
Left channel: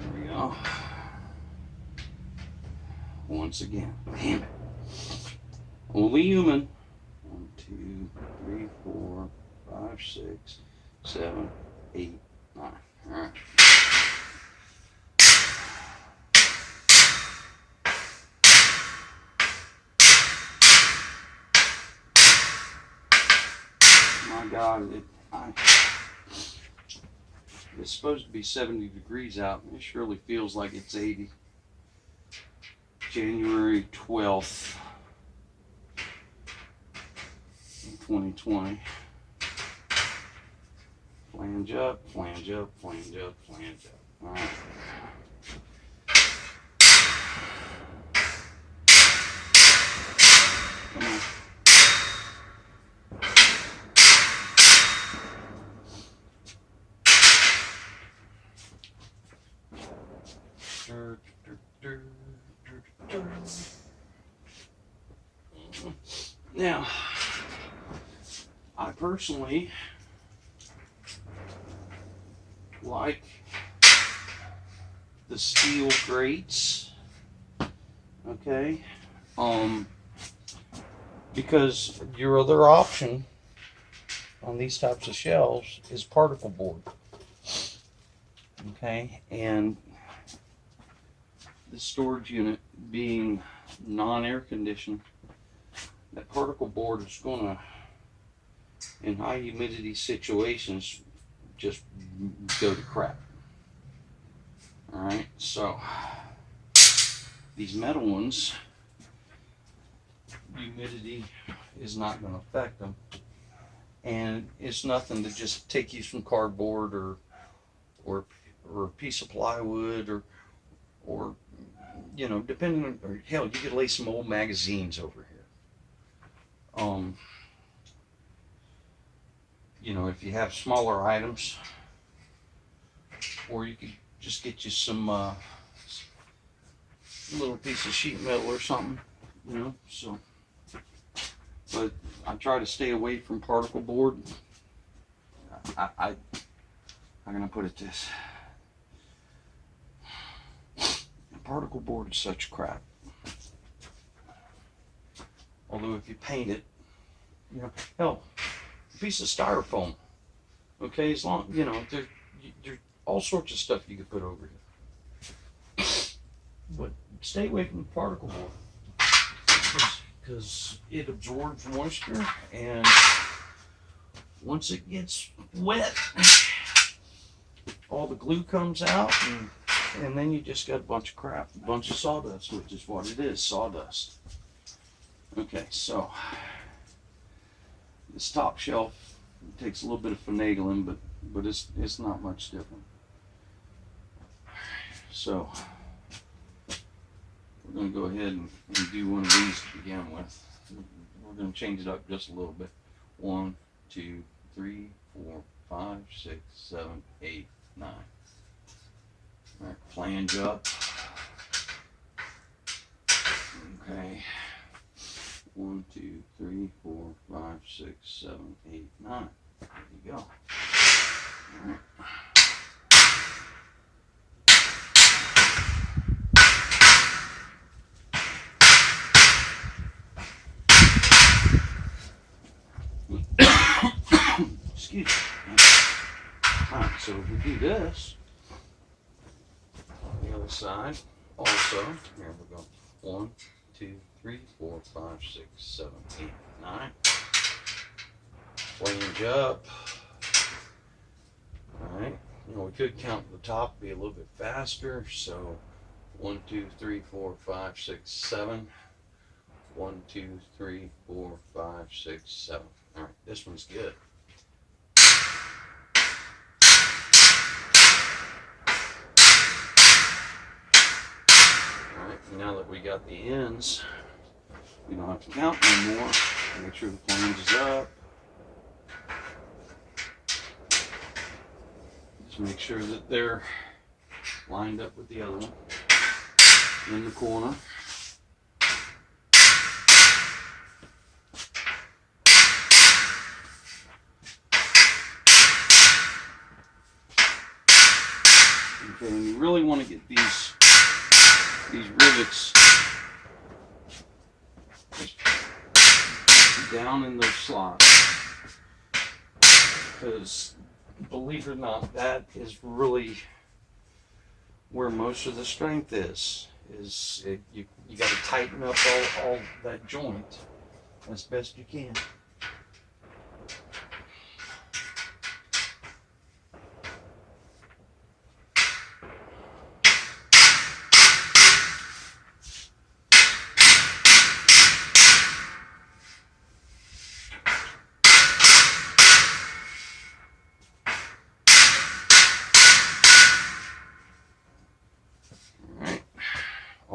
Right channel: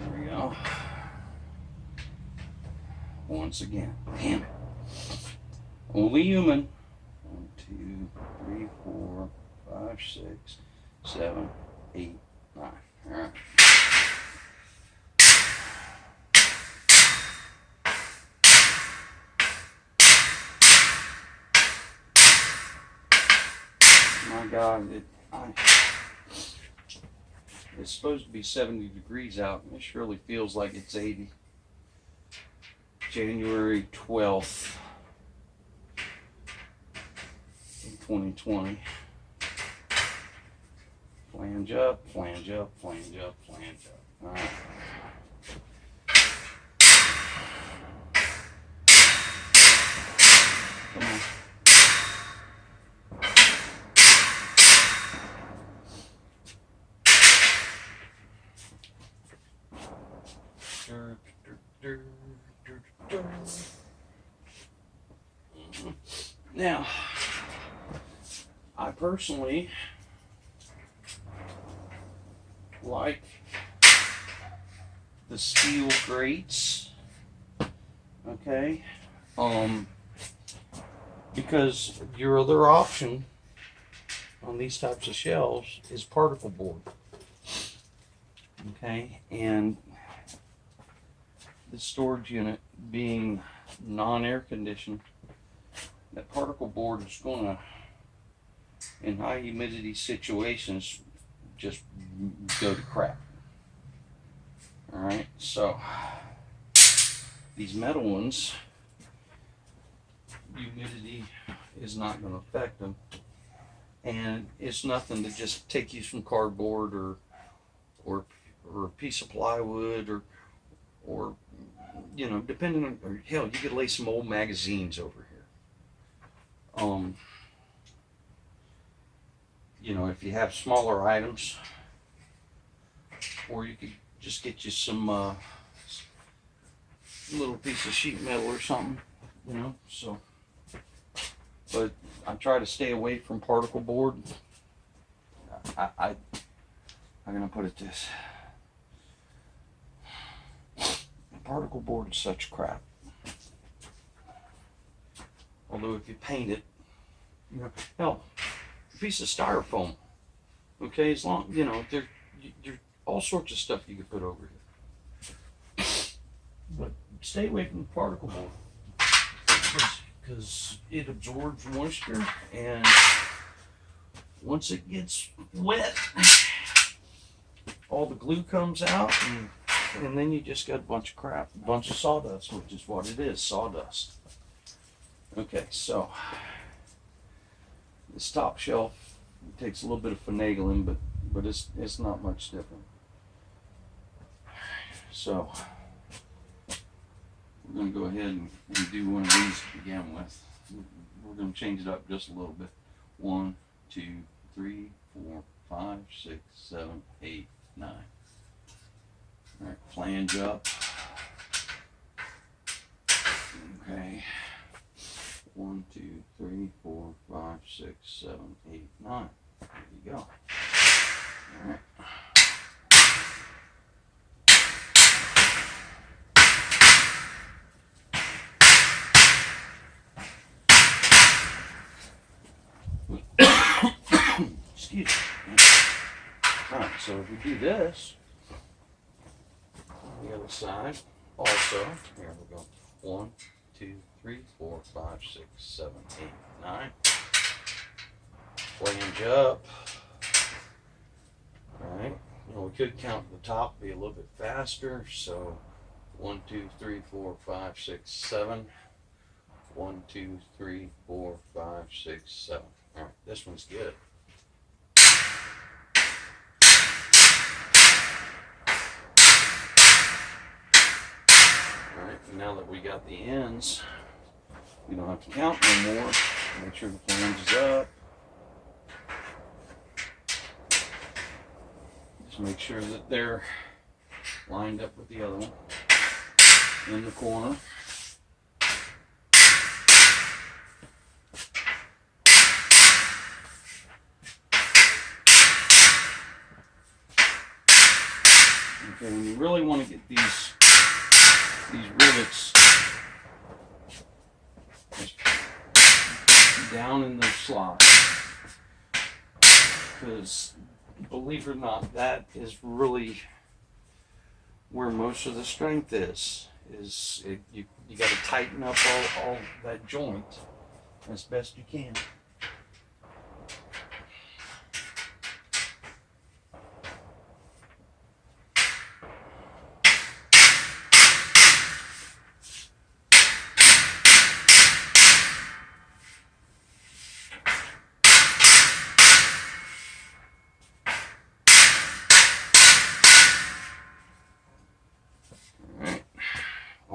There we go. Once again. Damn it. Only human. 1, 2, 3, 4, 5, 6, 7, 8, 9. All right. My God, It's supposed to be 70 degrees out. It surely feels like it's 80. January 12th, 2020. Flange up, flange up, flange up, flange up. All right. Come on. Now, I personally like the steel grates, okay, because your other option on these types of shelves is particle board, okay, and the storage unit being non-air conditioned, that particle board is going to, in high humidity situations, just go to crap. All right, so these metal ones, humidity is not going to affect them, and it's nothing to just take you some cardboard or a piece of plywood or you know, depending on, or hell, you could lay some old magazines over here. You know, if you have smaller items, or you could just get you some little piece of sheet metal or something, you know. So, but I try to stay away from particle board. I'm gonna put it this: particle board is such crap. Although if you paint it, you know, hell, a piece of styrofoam, okay, as long, you know, there's all sorts of stuff you could put over here. But stay away from particle board, because it absorbs moisture, and once it gets wet, all the glue comes out, and then you just got a bunch of crap, a bunch of sawdust, which is what it is, sawdust. Okay, so this top shelf takes a little bit of finagling, but it's not much different. So we're going to go ahead and do one of these to begin with. We're going to change it up just a little bit. 1, 2, 3, 4, 5, 6, 7, 8, 9. All right, flange up. Okay. 1, 2, 3, 4, 5, 6, 7, 8, 9. There you go. All right. Excuse me. All right, so if we do this on the other side, also, here we go. 1, 2, 3, 4, 5, 6, 7, 8, 9. Flange up. All right. You know, we could count the top, be a little bit faster. So 1, 2, 3, 4, 5, 6, 7. 1, 2, 3, 4, 5, 6, 7. All right, this one's good. All right, now that we got the ends, you don't have to count no more. Make sure the flange is up. Just make sure that they're lined up with the other one in the corner. Okay, and you really want to get these rivets down in those slots, because believe it or not, that is really where most of the strength is. You got to tighten up all that joint as best you can.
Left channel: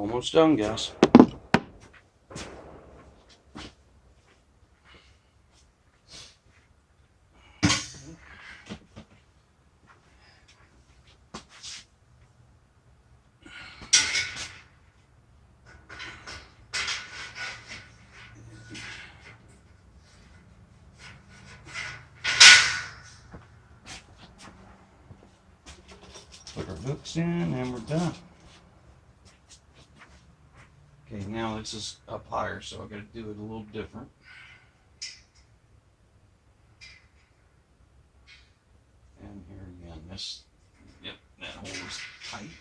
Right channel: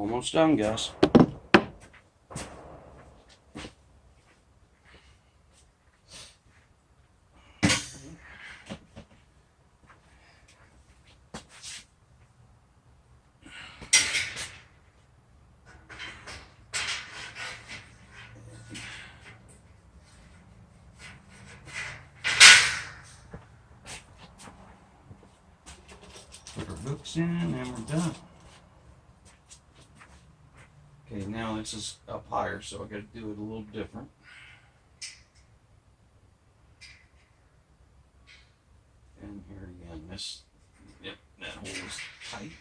Almost done, guys. Put our hooks in and we're done. Okay, now this is up higher, so I gotta do it a little different. And here again, yep, that hole is tight.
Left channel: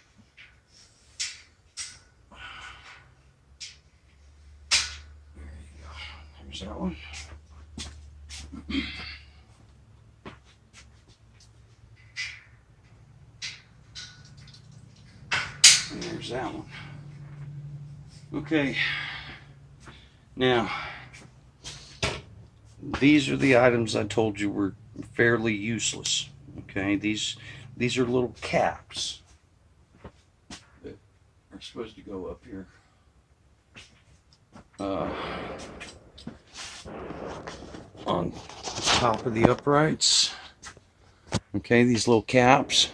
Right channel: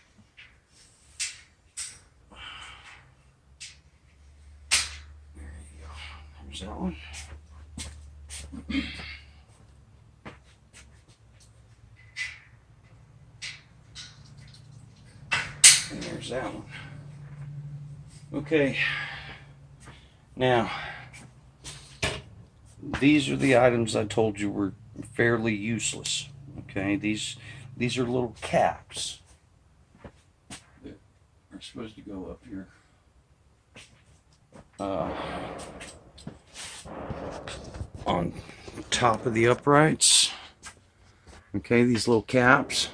There you go. There's that one. And there's that one. Okay, now these are the items I told you were fairly useless. Okay, these are little caps that are supposed to go up here. On top of the uprights. Okay, these little caps.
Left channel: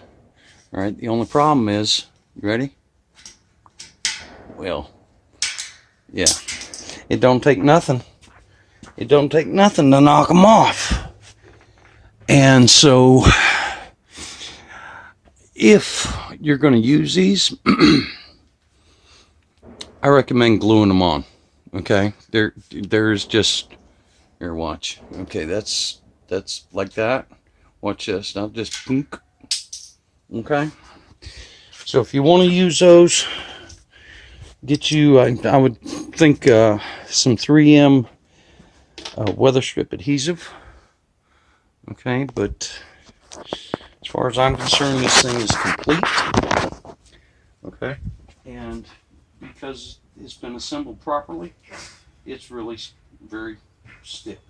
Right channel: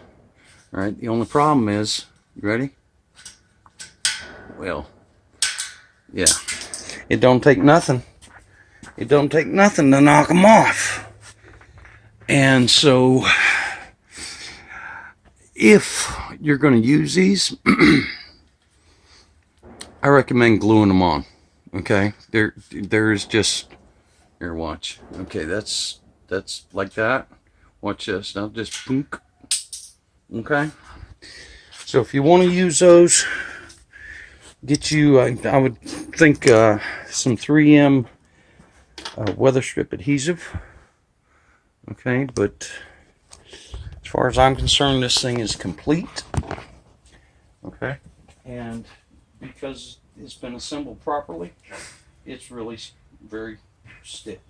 All right, the only problem is, you ready? Well, yeah, it don't take nothing. It don't take nothing to knock them off. And so, if you're going to use these, I recommend gluing them on. Okay, there's just, here, watch. Okay, that's like that. Watch this. Now just boonk. Okay. So if you want to use those, get you, I would think, some 3M weather strip adhesive. Okay, but as far as I'm concerned, this thing is complete. Okay, and because it's been assembled properly, it's really very stiff.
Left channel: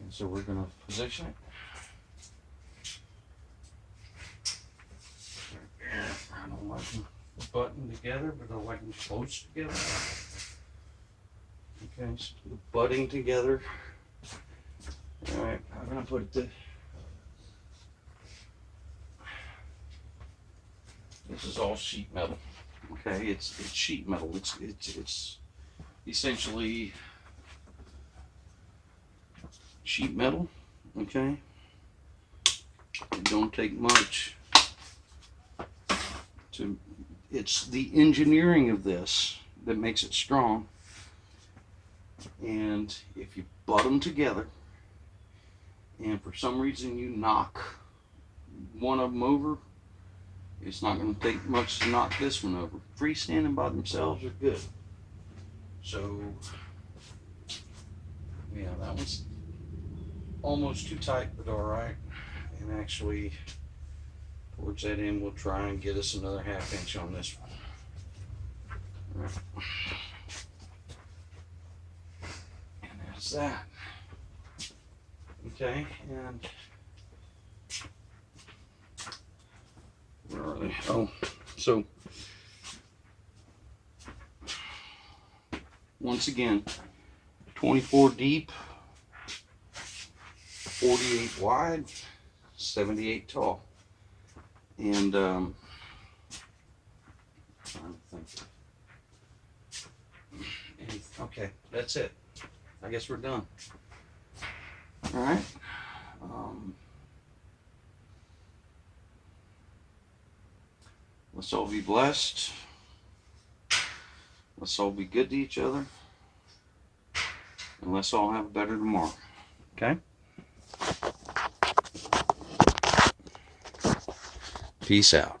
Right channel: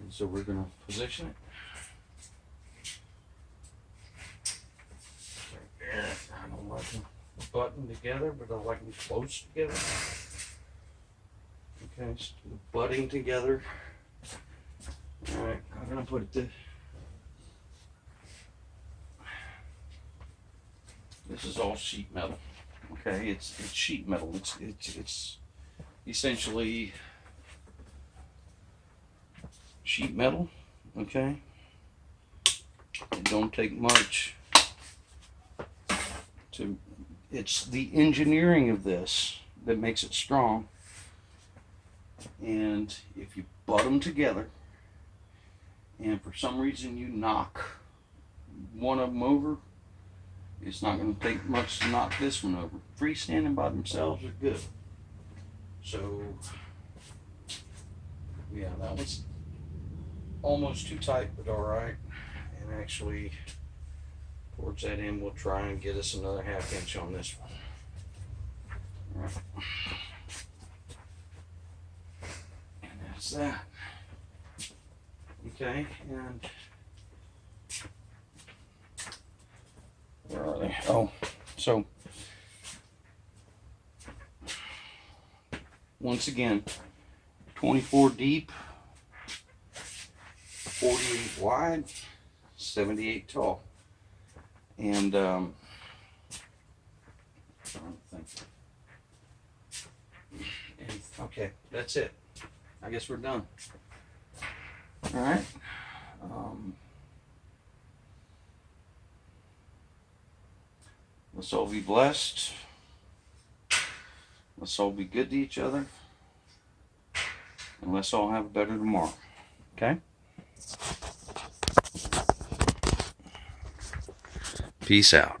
And so we're going to position it. I don't like them buttoned together, but I like them close together. Okay, so the butting together. All right, I'm going to put it this is all sheet metal. Okay, it's sheet metal. It's essentially sheet metal. Okay, it don't take much to. It's the engineering of this that makes it strong. And if you butt them together, and for some reason you knock one of them over, it's not going to take much to knock this one over. Freestanding by themselves are good. So, yeah, that was almost too tight, but all right. And actually, towards that end, we'll try and get us another 1/2 inch on this one. All right. And that's that. Okay, and where are they? Oh, so once again, 24 deep, 48 wide, 78 tall. And trying to think. And, okay, that's it. I guess we're done. All right. Let's all be blessed. Let's all be good to each other. And let's all have a better tomorrow. Okay? Peace out.